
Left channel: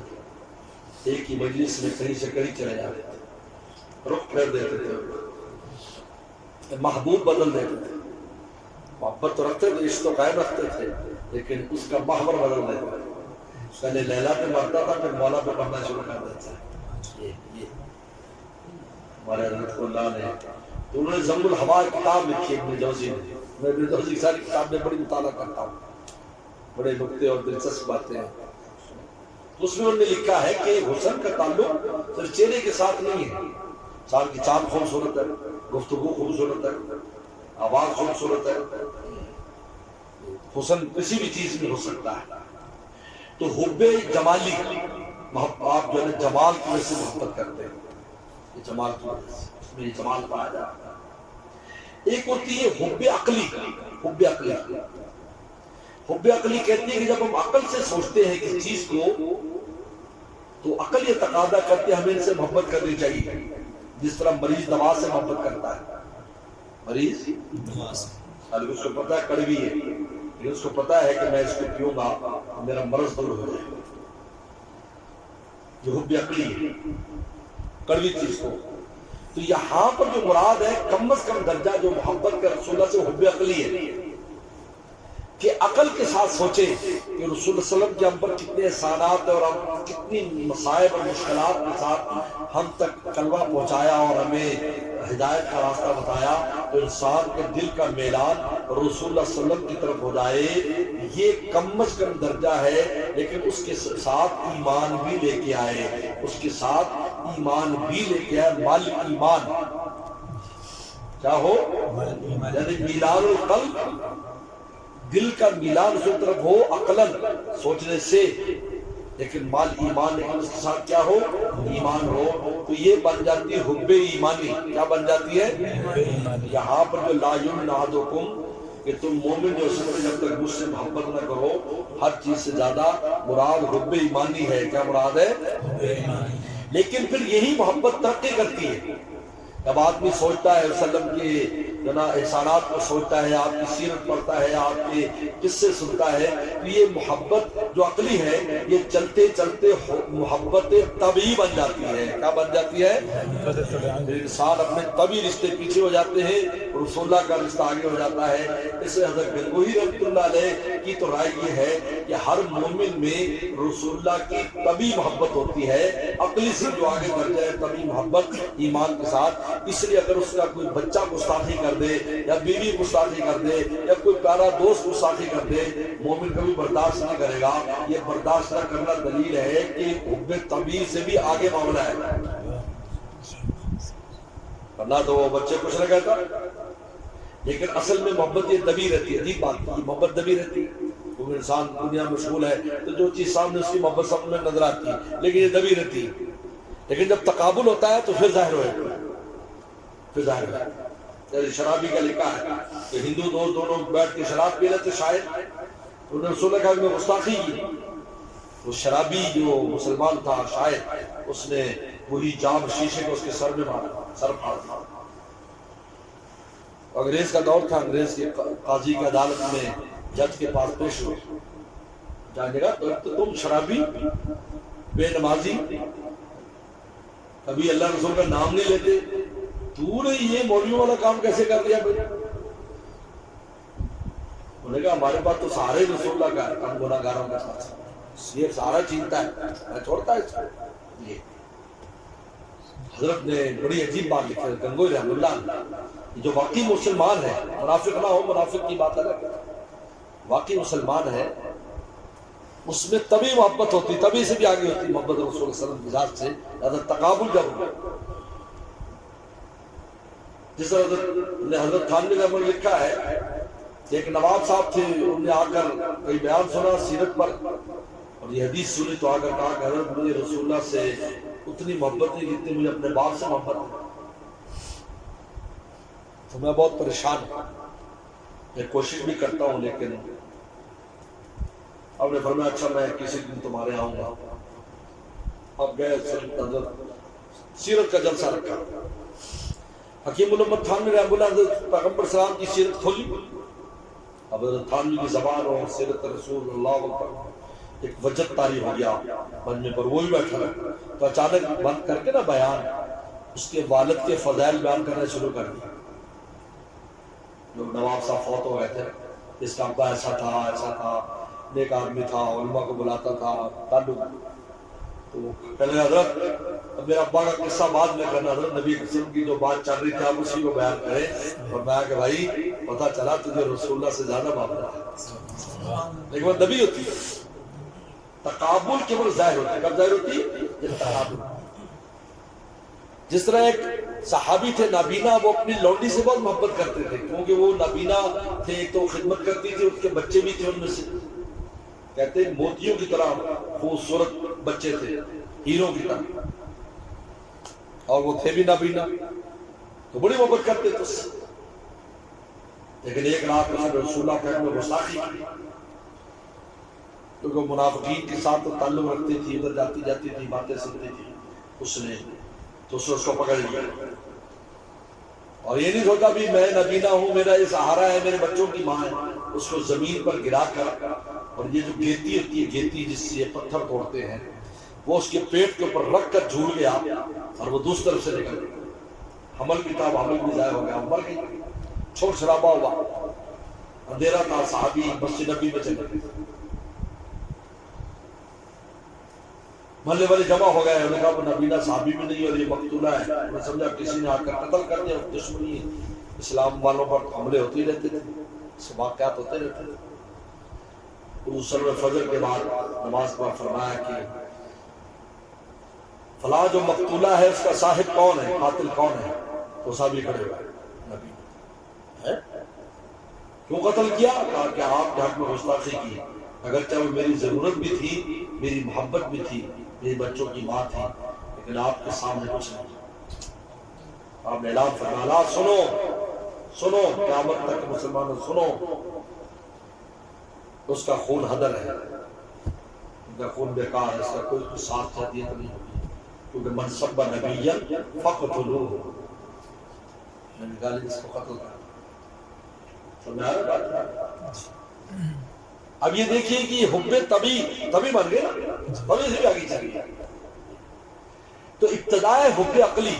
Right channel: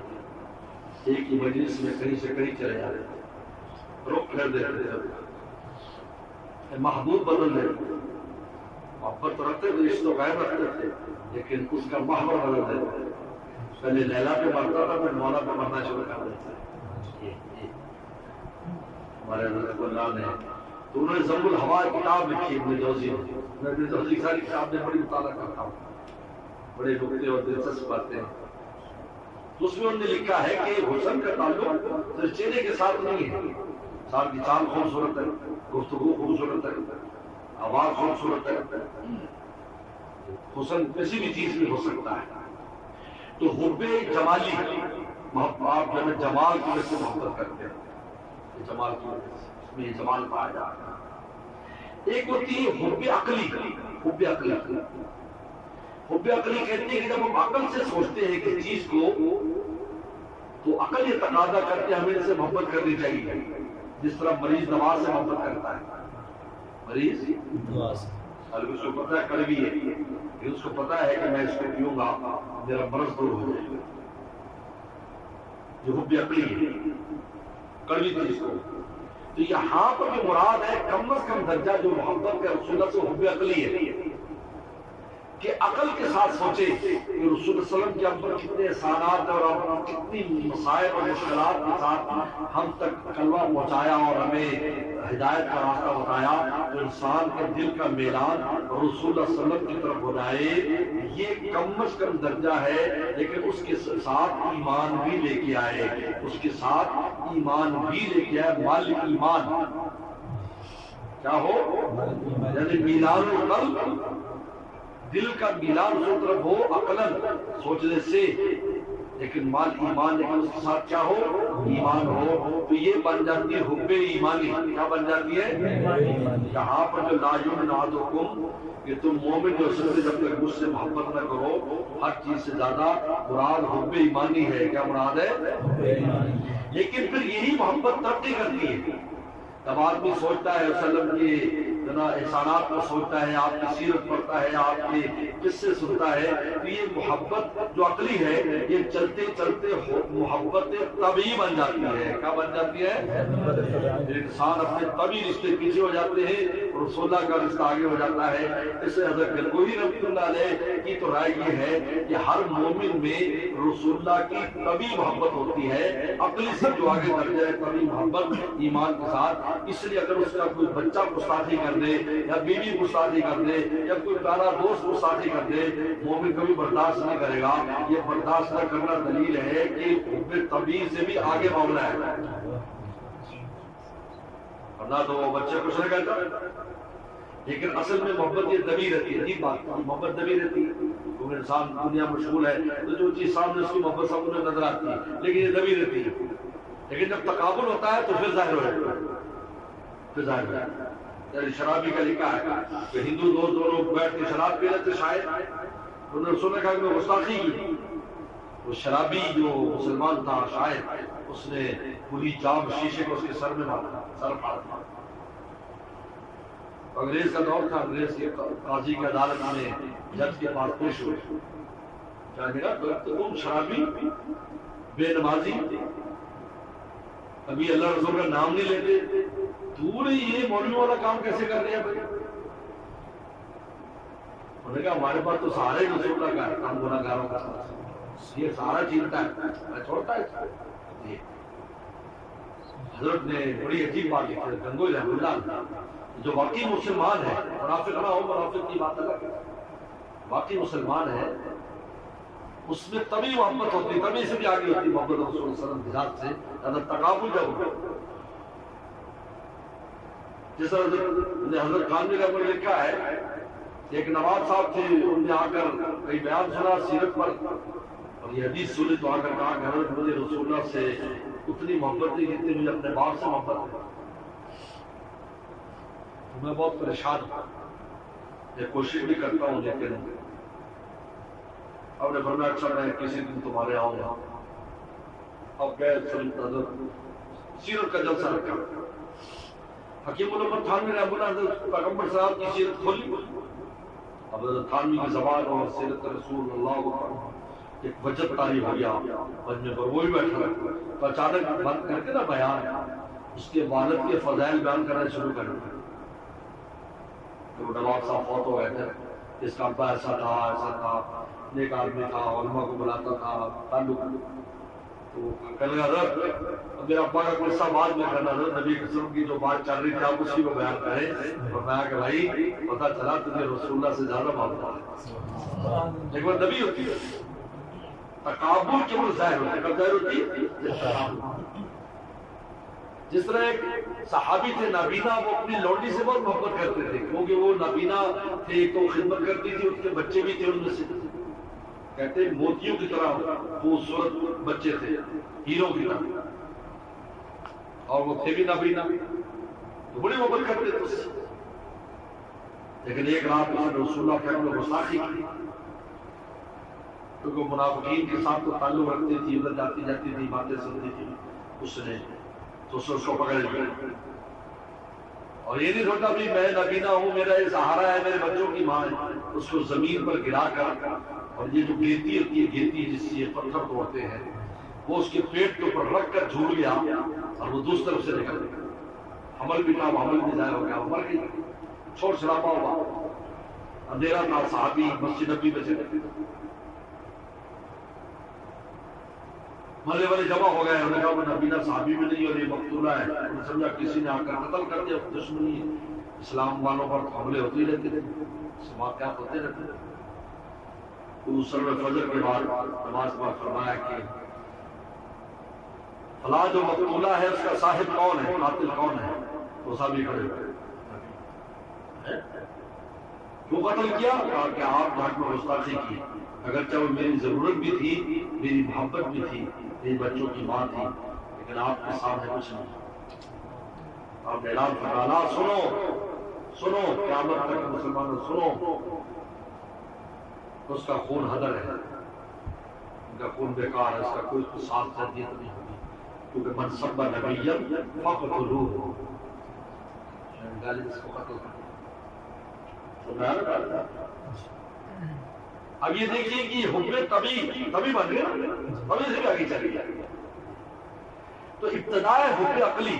ایک ہی مجلس میں کہیں سے کہیں چلے جاتے تھے، رخ پھیر دیتے تھے، محبوب بدل دیتے تھے. محبت تو رکھتے تھے، عشق تو قائم رکھتے تھے، لیکن اس کا محور بدل دیتے تھے. پہلے لیلا پہ مرتا تھا پھر مولا پہ مرنا شروع کر دیتا ہے. ہمارے حضرت اللہ نے تو انہوں نے ذم الہوا کتاب لکھی ابن جوزی نے. میں ابن جوزی کی ساری کتاب میں بڑی مطالعہ کرتا ہوں، بڑے نکتے اور دلچسپ باتیں ہیں. اس میں انہوں نے لکھا ہے کہ حسن کا تعلق صرف چہرے کے ساتھ نہیں ہے. انسان کی چال خوبصورت ہے، گفتگو خوبصورت ہے، آواز خوبصورت ہے، حسن کسی بھی چیز میں ہو سکتا ہے. تو حب جمالی آپ جو ہے جمال کی وجہ سے محبت کرتے ہیں، جمال کی وجہ سے اس میں یہ جمال پایا جاتا ہے. ایک ہوتی ہے حب عقلی. حب عقلی حب عقلی کہتی ہے کہ جب ہم عقل سے سوچتے ہیں کسی چیز کو تو عقل یہ تقاضا کرتے ہیں ہمیں ان سے محبت کرنی چاہیے. جس طرح مریض دوا سے محبت کرتا ہے. مریض دوا سے ابھی اس کو پتہ ہے کڑوی ہے، یہ اس کو پتہ ہے کہ میں اس کو پیوں گا میرا مرض دور ہو جائے گا. یہ حب عقلی ہے کڑوی چیز کو. تو یہاں پر جو مراد ہے کم از کم درجہ جو محبت کا رسول اللہ سے حب عقلی ہے کہ عقل کے ساتھ سوچے کہ رسول اللہ صلی اللہ علیہ وسلم کے ہم پر کتنے احسانات اور کتنی مصائب اور مشکلات کے ساتھ ہم تک کلمہ پہنچایا اور ہمیں ہدایت کا راستہ بتایا. تو انسان کے دل کا میلان رسول اللہ صلی اللہ علیہ وسلم کی طرف ہو جائے یہ کم از کم درجہ ہے. لیکن اس کے ساتھ ایمان بھی لے کے آئے، اس کے ساتھ ایمان بھی لے کے آئے. مال ایمان کیا ہو یعنی میلان القلب، دل کا میلان اس طرف ہو عقلاً سوچنے سے، لیکن مال ایمان لیکن اس کے ساتھ کیا ہو ایمان ہو. تو یہ بن جاتی ہے حب ایمانی. کیا بن جاتی ہے یہاں پر جو لا یؤمن احدکم کہ تم مومن جو سمجھے جب تک مجھ سے محبت نہ کرو. ہر چیز سے زیادہ مراد حب ایمانی ہے. کیا مراد ہے حب ایمانی. لیکن پھر یہی محبت ترقی کرتی ہے جب آدمی سوچتا ہے وسلم کی احسانات کو سوچتا ہے، آپ کی سیرت پڑھتا ہے، آپ کے قصے سنتا ہے. تو یہ محبت جو عقلی ہے یہ چلتے چلتے محبت طبعی بن جاتی ہے. کیا بن جاتی ہے؟ انسان اپنے طبعی رشتے پیچھے ہو جاتے ہیں، رسول اللہ کا رشتہ آگے ہو جاتا ہے. اس سے حضرت گنگوہی رحمۃ اللہ علیہ کی تو رائے یہ ہے کہ ہر مومن میں رسول اللہ کی طبعی محبت ہوتی ہے. عقلی سے جو آگے درجہ ہے طبعی محبت ایمان کے ساتھ. اس لیے اگر اس کا کوئی بچہ گستاخی کر دے یا بیوی گستاخی کر دے یا کوئی پیارا دوست گستاخی کر دے مومن کبھی برداشت نہیں کرے گا. یہ برداشت نہ کرنا دلیل ہے کہ حب طبیعی سے بھی آگے معاملہ ہے. ورنہ تو وہ بچے کچھ نہ کہتا. لیکن اصل میں محبت یہ دبی رہتی ہے. عجیب بات ہے محبت دبی رہتی ہے کیونکہ انسان دنیا مشغول ہے تو جو چیز سامنے اس کی محبت سامنے نظر آتی ہے لیکن یہ دبی رہتی ہے. لیکن جب تقابل ہوتا ہے تو پھر ظاہر ہو جاتا ہے. پھر ظاہر ہو جاتا ہے. شرابی کا لکھا ہے کہ ہندو دوست دونوں بیٹھ کے شراب پی رہے تھے. شاید انہوں نے رسول اللہ میں گستاخی کی. وہ شرابی جو مسلمان تھا شاید اس نے پوری جام شیشے کو اس کے سر میں مارا، سر پھاڑ دیا. انگریز کا دور تھا، انگریز کے قاضی کی عدالت میں جج کے پاس پیش ہوئے، جانے گا تو تم شرابی، بے نمازی، کبھی اللہ رسول کا نام نہیں لیتے، تو نے یہ مولویوں والا کام کیسے کر لیا بھائی؟ انہوں نے کہا ہمارے پاس تو سارے رسول اللہ کا ہم گناہ گاروں کا ساتھ یہ سارا چینتا ہے، میں چھوڑتا ہے اس کو۔ یہ حضرت نے بڑی عجیب بات لکھی ہے، گنگوئی رحمۃ اللہ، جو واقعی مسلمان ہے، منافق نہ ہو، منافق کی بات الگ ہے، واقعی مسلمان ہے، اس میں تبھی محبت ہوتی، تبھی سے بھی آگے ہوتی محبت رسول اللہ صلی اللہ علیہ وسلم کی ذات سے، حضرت تقابل جب جس طرح حضرت خانوی کا لکھا ہے کہ ایک نواب صاحب تھے، انہوں نے آ کر کئی بیان سنا سیرت پر، اور یہ حدیث سنی تو آ کر کہا کہ حضرت مجھے رسول اللہ سے اتنی محبت نہیں جتنی مجھے اپنے باپ سے محبت ہے، تو میں بہت پریشان ہوں، میں کوشش بھی کرتا ہوں لیکن اب نے فرمایا اچھا میں کسی دن تمہارے آؤں گا۔ اب گئے سیرت کا جلسہ رکھا، حکیم الامت تھانوی رحمۃ اللہ حضرت پیغمبر صلی اللہ علیہ وسلم کی سیرت کھولی، اب حضرت تھانوی کی زبان اور سیرت رسول اللہ پر ایک وجد طاری ہو گیا بننے پر، وہی بیٹھا ہے تو اچانک بند کر کے نا بیان اس کے والد کے فضائل بیان کرنا شروع کر دیا۔ جو نواب صاحب فوت ہو گئے تھے، اس کا ابا ایسا تھا، نیک آدمی تھا، علماء کو بلاتا تھا، تعلق، تو کہنے حضرت میرا ابا کا قصہ بعد میں کرنا، حضرت نبی قسم کی جو بات چل رہی تھی آپ اسی کو بیان کریں، اور میں کہ بھائی پتہ چلا تجھے رسول اللہ سے زیادہ محبت ہے۔ ایک بار نبی ہوتی ہے تقابل کے وہ ظاہر ہوتی ہے، کب ظاہر ہوتی ہے؟ جس طرح ایک صحابی تھے نابینا، وہ اپنی لونڈی سے بہت محبت کرتے تھے کیونکہ وہ نابینا تھے تو خدمت کرتی تھی، اس کے بچے بھی تھے ان میں سے، کہتے ہیں موتیوں کی طرح خوبصورت بچے تھے، ہیروں کی طرح، اور وہ تھے بھی نابینا تو بڑی محبت کرتے تھے اس سے۔ لیکن ایک رات میں رسول اللہ کے میں گستاخی کی، کیونکہ منافقین کے ساتھ تو تعلق رکھتی تھی، ادھر جاتی تھی، باتیں سنتی تھی، اس نے اس کو پکڑ لیا، اور یہ نہیں سوچا بھی میں نبینا ہوں، میرا یہ سہارا ہے، میرے بچوں کی ماں ہے، اس کو زمین پر گرا کر، اور یہ جو گیتی ہوتی ہے، گیتی جس سے یہ پتھر توڑتے ہیں، وہ اس کے پیٹ کے اوپر رکھ کر جھول گیا اور وہ دوسری طرف سے نکل گیا، حمل بھی تھا، حمل بھی ضائع ہو گیا، مر گئی، چھوڑ چھڑابا ہوا، اندھیرا تھا، صحابی مسجد نبی میں چلے گئے، محلے والے جمع ہو گئے، انہوں نے کہا وہ نبینا صحابی بھی نہیں اور یہ مقتولہ ہے، انہوں نے سمجھا کسی نے آ کر قتل کر دیا، دشمنی اسلام والوں پر حملے ہوتے ہی رہتے تھے، واقعات ہوتے رہتے تھے۔ تو سلم فجر کے بعد نماز پر فرمایا کہ فلاں جو مقتولہ ہے اس کا صاحب کون ہے، قاتل کون ہے، تو صحابی کھڑے ہوئے، نبی کیوں قتل کیا؟ کہا کہ آپ نے حق میں گستاخی کی، اگرچہ وہ میری ضرورت بھی تھی، میری محبت بھی تھی، میری بچوں کی ماں تھی، لیکن آپ کے سامنے کچھ نہیں۔ آپ نے اعلان فرمایا سنو قیامت تک مسلمانوں سنو، اس کا خون ہدر ہے، ان کا خون بیکار ہے، اس کا کوئی ساتھ جدیت نہیں ہوگی، کیونکہ من سب نبی فقتلوہ، گالی اس کو قتل کر۔ اب یہ دیکھیے کہ حب تبھی بن گئے، تبھی سے آگے چلی جائے، تو ابتداء حب عقلی،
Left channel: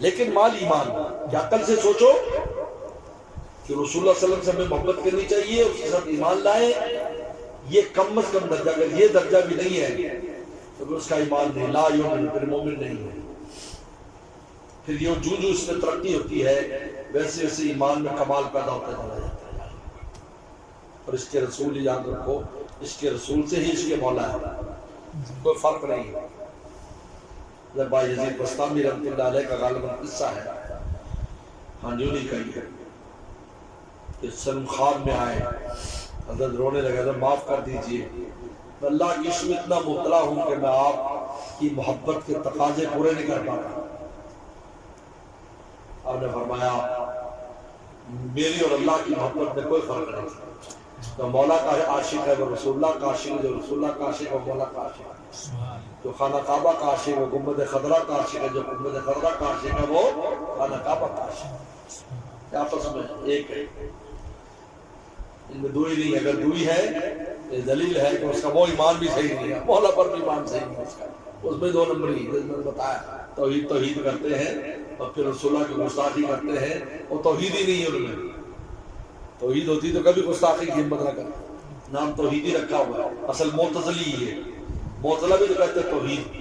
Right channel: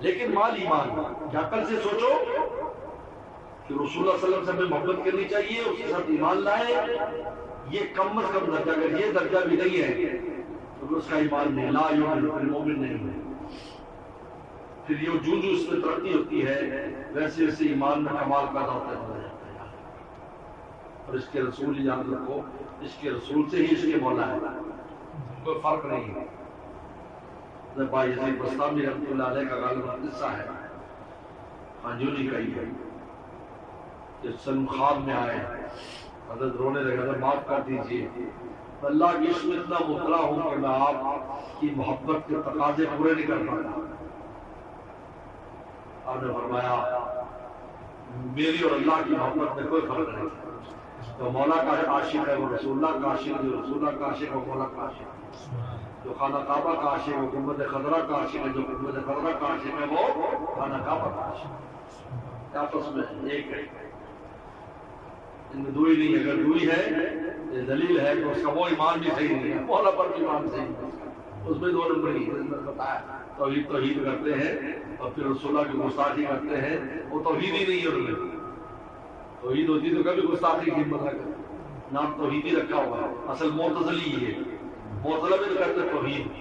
لیکن مال ایمان، کہ عقل سے سوچو کہ رسول اللہ صلی اللہ علیہ وسلم سے ہمیں محبت کرنی چاہیے، اس کے ساتھ ایمان لائے، یہ کم از کم درجہ، اگر یہ درجہ بھی نہیں ہے تو پھر اس کا ایمان نہیں، لا یؤمن، پھر مومن نہیں ہے۔ پھر یہ جو اس میں ترقی ہوتی ہے ویسے ویسے ایمان میں کمال پیدا ہوتا چلا جاتا ہے، اور اس کے رسول ہی یاد رکھو، اس کے رسول سے ہی اس کے مولا ہے، کوئی فرق نہیں ہے۔ با یزید بستامی رحمۃ اللہ علیہ کا غالباً قصہ ہے، ہانجونی کا ہی ہے، کہ سلم خواب میں آئے، حضرت رونے لگے، معاف کر دیجئے، میں اللہ کی عشق میں اتنا مبتلا ہوں کہ میں آپ کی محبت کے تقاضے پورے نہیں کر پاتا۔ آپ نے فرمایا میری اور اللہ کی محبت میں کوئی فرق نہیں، جو مولا کا عاشق ہے وہ رسول اللہ کا عاشق ہے، جو رسول اللہ کا عاشق ہے وہ مولا کا عاشق ہے، جو خانہ کعبہ کا عاشق ہے وہ گنبد خضرا کا عاشق ہے، جو گنبد خضرا کا عاشق ہے وہ خانہ کعبہ کا عاشق ہے، آپس میں ایک ہے، ان میں دوئی نہیں، اگر دوئی ہے دلیل ہے کہ اس کا وہ ایمان بھی صحیح نہیں ہے، مولا پر بھی ایمان صحیح نہیں ہے اس کا، اس میں دو نمبری بتایا توحید کرتے ہیں اور پھر رسول اللہ کی گستاخی کرتے ہیں، وہ توحید ہی نہیں ہے، ان میں توحید ہوتی تو کبھی گستاخی کی ہمت نہ کرتے، نام توحید ہی رکھا ہوا ہے، اصل معتزلی ہے، معتزلہ بھی کہتے ہیں توحید،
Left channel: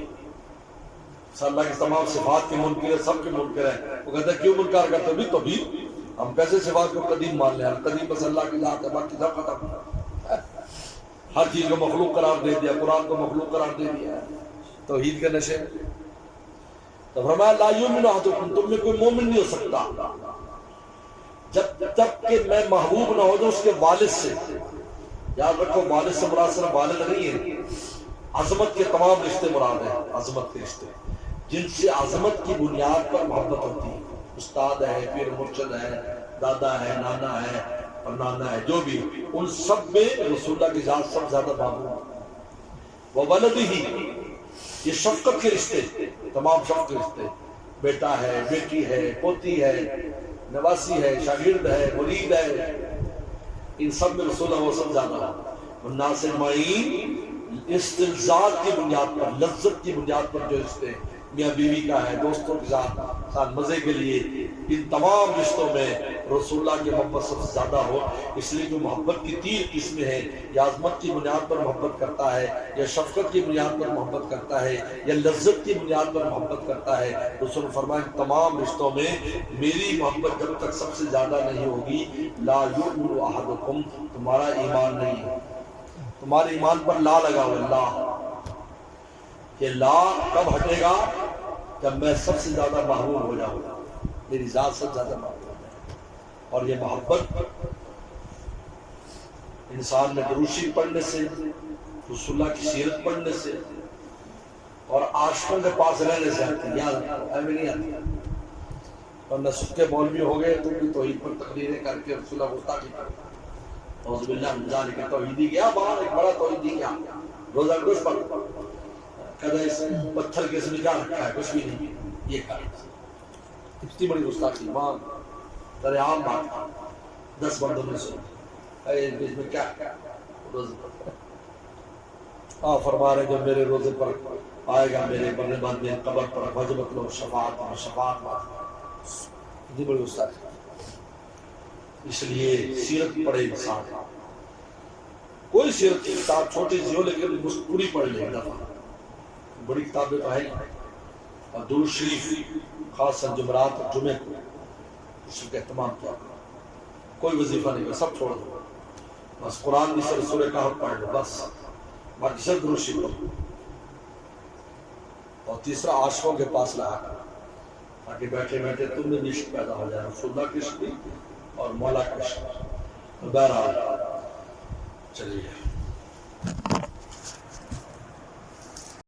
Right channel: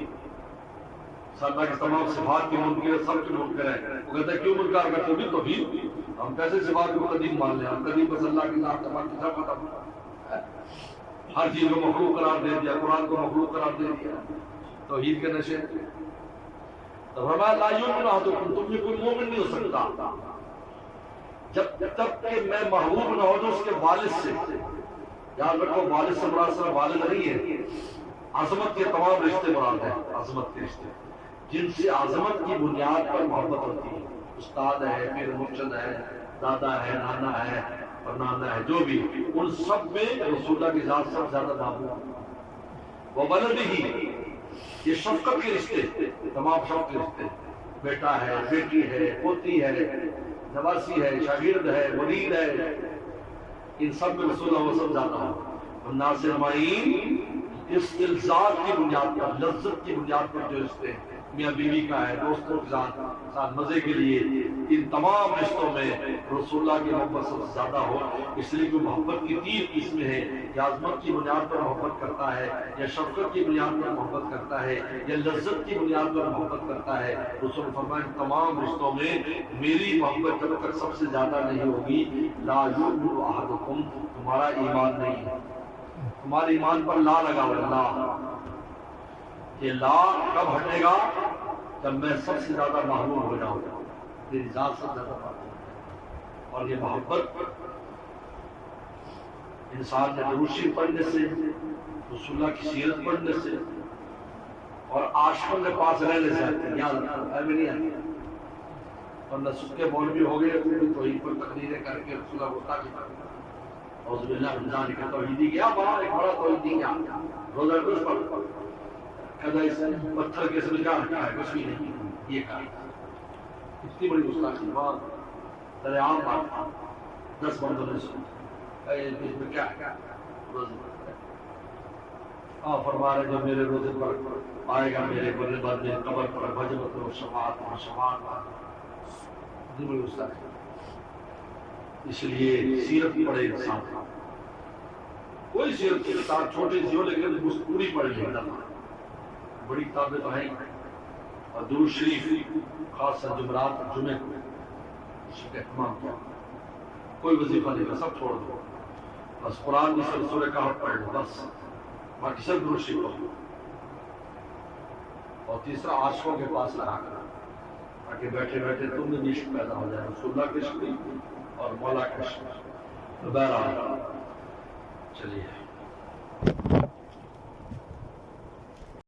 اللہ کی تمام صفات کی منکر ہے، سب کے منکر ہے، وہ کہتے ہیں کیوں منکر کرتے ہیں؟ توحید، ہم کیسے صفات کو قدیم مان لیں؟ ہم قدیم بس اللہ کی ذات ہے، باقی سب ختم، ہر چیز کو مخلوق قرار دے دیا، قرآن کو مخلوق قرار دے دیا، توحید کے نشے۔ تو فرمایا لا یؤمن احدکم، تم میں کوئی مومن نہیں ہو سکتا جب تک کہ میں محبوب نہ ہو جاؤں اس کے والد سے۔ یاد رکھو والد سے مراد صرف والد نہیں ہے، عظمت کے تمام رشتے مراد ہیں، عظمت کے رشتے جن سے عظمت کی بنیاد پر محبت ہوتی ہے، استاد ہے، پیر مرشد ہے، دادا ہے، نانا ہے اور نانا ہے، جو بھی، ان سب میں رسول اللہ کی ذات سب زیادہ محبوب۔ وہ ولد ہی، یہ شفقت کے رشتے، تمام شفقت کے رشتے، بیٹا ہے، بیٹی ہے، پوتی ہے، نواسی ہے، شاگرد ہے، مرید ہے، ان سب میں رسول اللہ سب زیادہ ہے۔ ناصر معین استلزاز کی بنیاد پر، لذت کی بنیاد پر جو رشتے میاں بیوی کا ہے، دوستوں کے ساتھ مزے کے لیے، ان تمام رشتوں میں رسول اللہ کی محبت سب سے زیادہ ہو۔ اس لیے جو محبت کی 3 قسمیں ہیں، یا عظمت کی بنیاد پر محبت کرتا ہے، یا شفقت کی بنیاد پر محبت کرتا ہے، یا لذت کی بنیاد پر محبت کرتا ہے، رسول فرمایا تمام رشتوں میں میری محبت جب تک سب سے زیادہ نہیں ہوگی، لا یؤمن احدکم، تمہارا ایمان نہیں ہے، تمہارے ایمان پر لا لگا ہوا لا، کہ لا کب ہٹے گا؟ جب میں سب سے زیادہ محبوب ہو جاؤں گا، میری ذات سب سے زیادہ محبوب۔ اور یہ محبت انسان نے درود شریف پڑھنے سے، رسول اللہ کی سیرت پڑھنے سے اور عاشقوں کے پاس رہنے سے آتی ہے، یاد رکھو میں نہیں آتی، ورنہ سکے مولوی ہو گئے تم بھی توحید پر تقریریں کر کے رسول اللہ گستاخی کرتے، اعوذ باللہ من ذالک، توحیدی کیا بڑا، ایک بڑا توحیدی کیا، روزہ روز پر کہتا اس پتھر کے اس میں کیا رکھا ہے؟ کچھ بھی نہیں، یہ کہا اتنی بڑی گستاخی، وہاں در عام بات 10 بندوں میں سے اس میں کیا روزے فرما رہے جو میرے روزے پر آئے گا میرے مرنے بعد میں قبر پر وجبت لو شفاعت اور شفاعت اتنی بڑی گستاخی۔ اس لیے سیرت پڑھے انسان، کوئی سیرت کی کتاب چھوٹی سی ہو لیکن پوری پڑھ لے دفعہ، بڑی کتابیں تو ہیں، اور درود شریف خاص جمعرات اور جمعے کو اس کا اہتمام کیا، کوئی وظیفہ نہیں کر، سب چھوڑ دو، بس قرآن کی سورہ کہف پڑھ لو بس، باقی سب درود شریف پڑھ لو۔ اور تیسرا عاشقوں کے پاس رہا تاکہ بیٹھے بیٹھے تم میں بھی عشق پیدا ہو جائے، رسول اللہ کا عشق بھی اور مولا کا عشق۔ بہرحال چلیے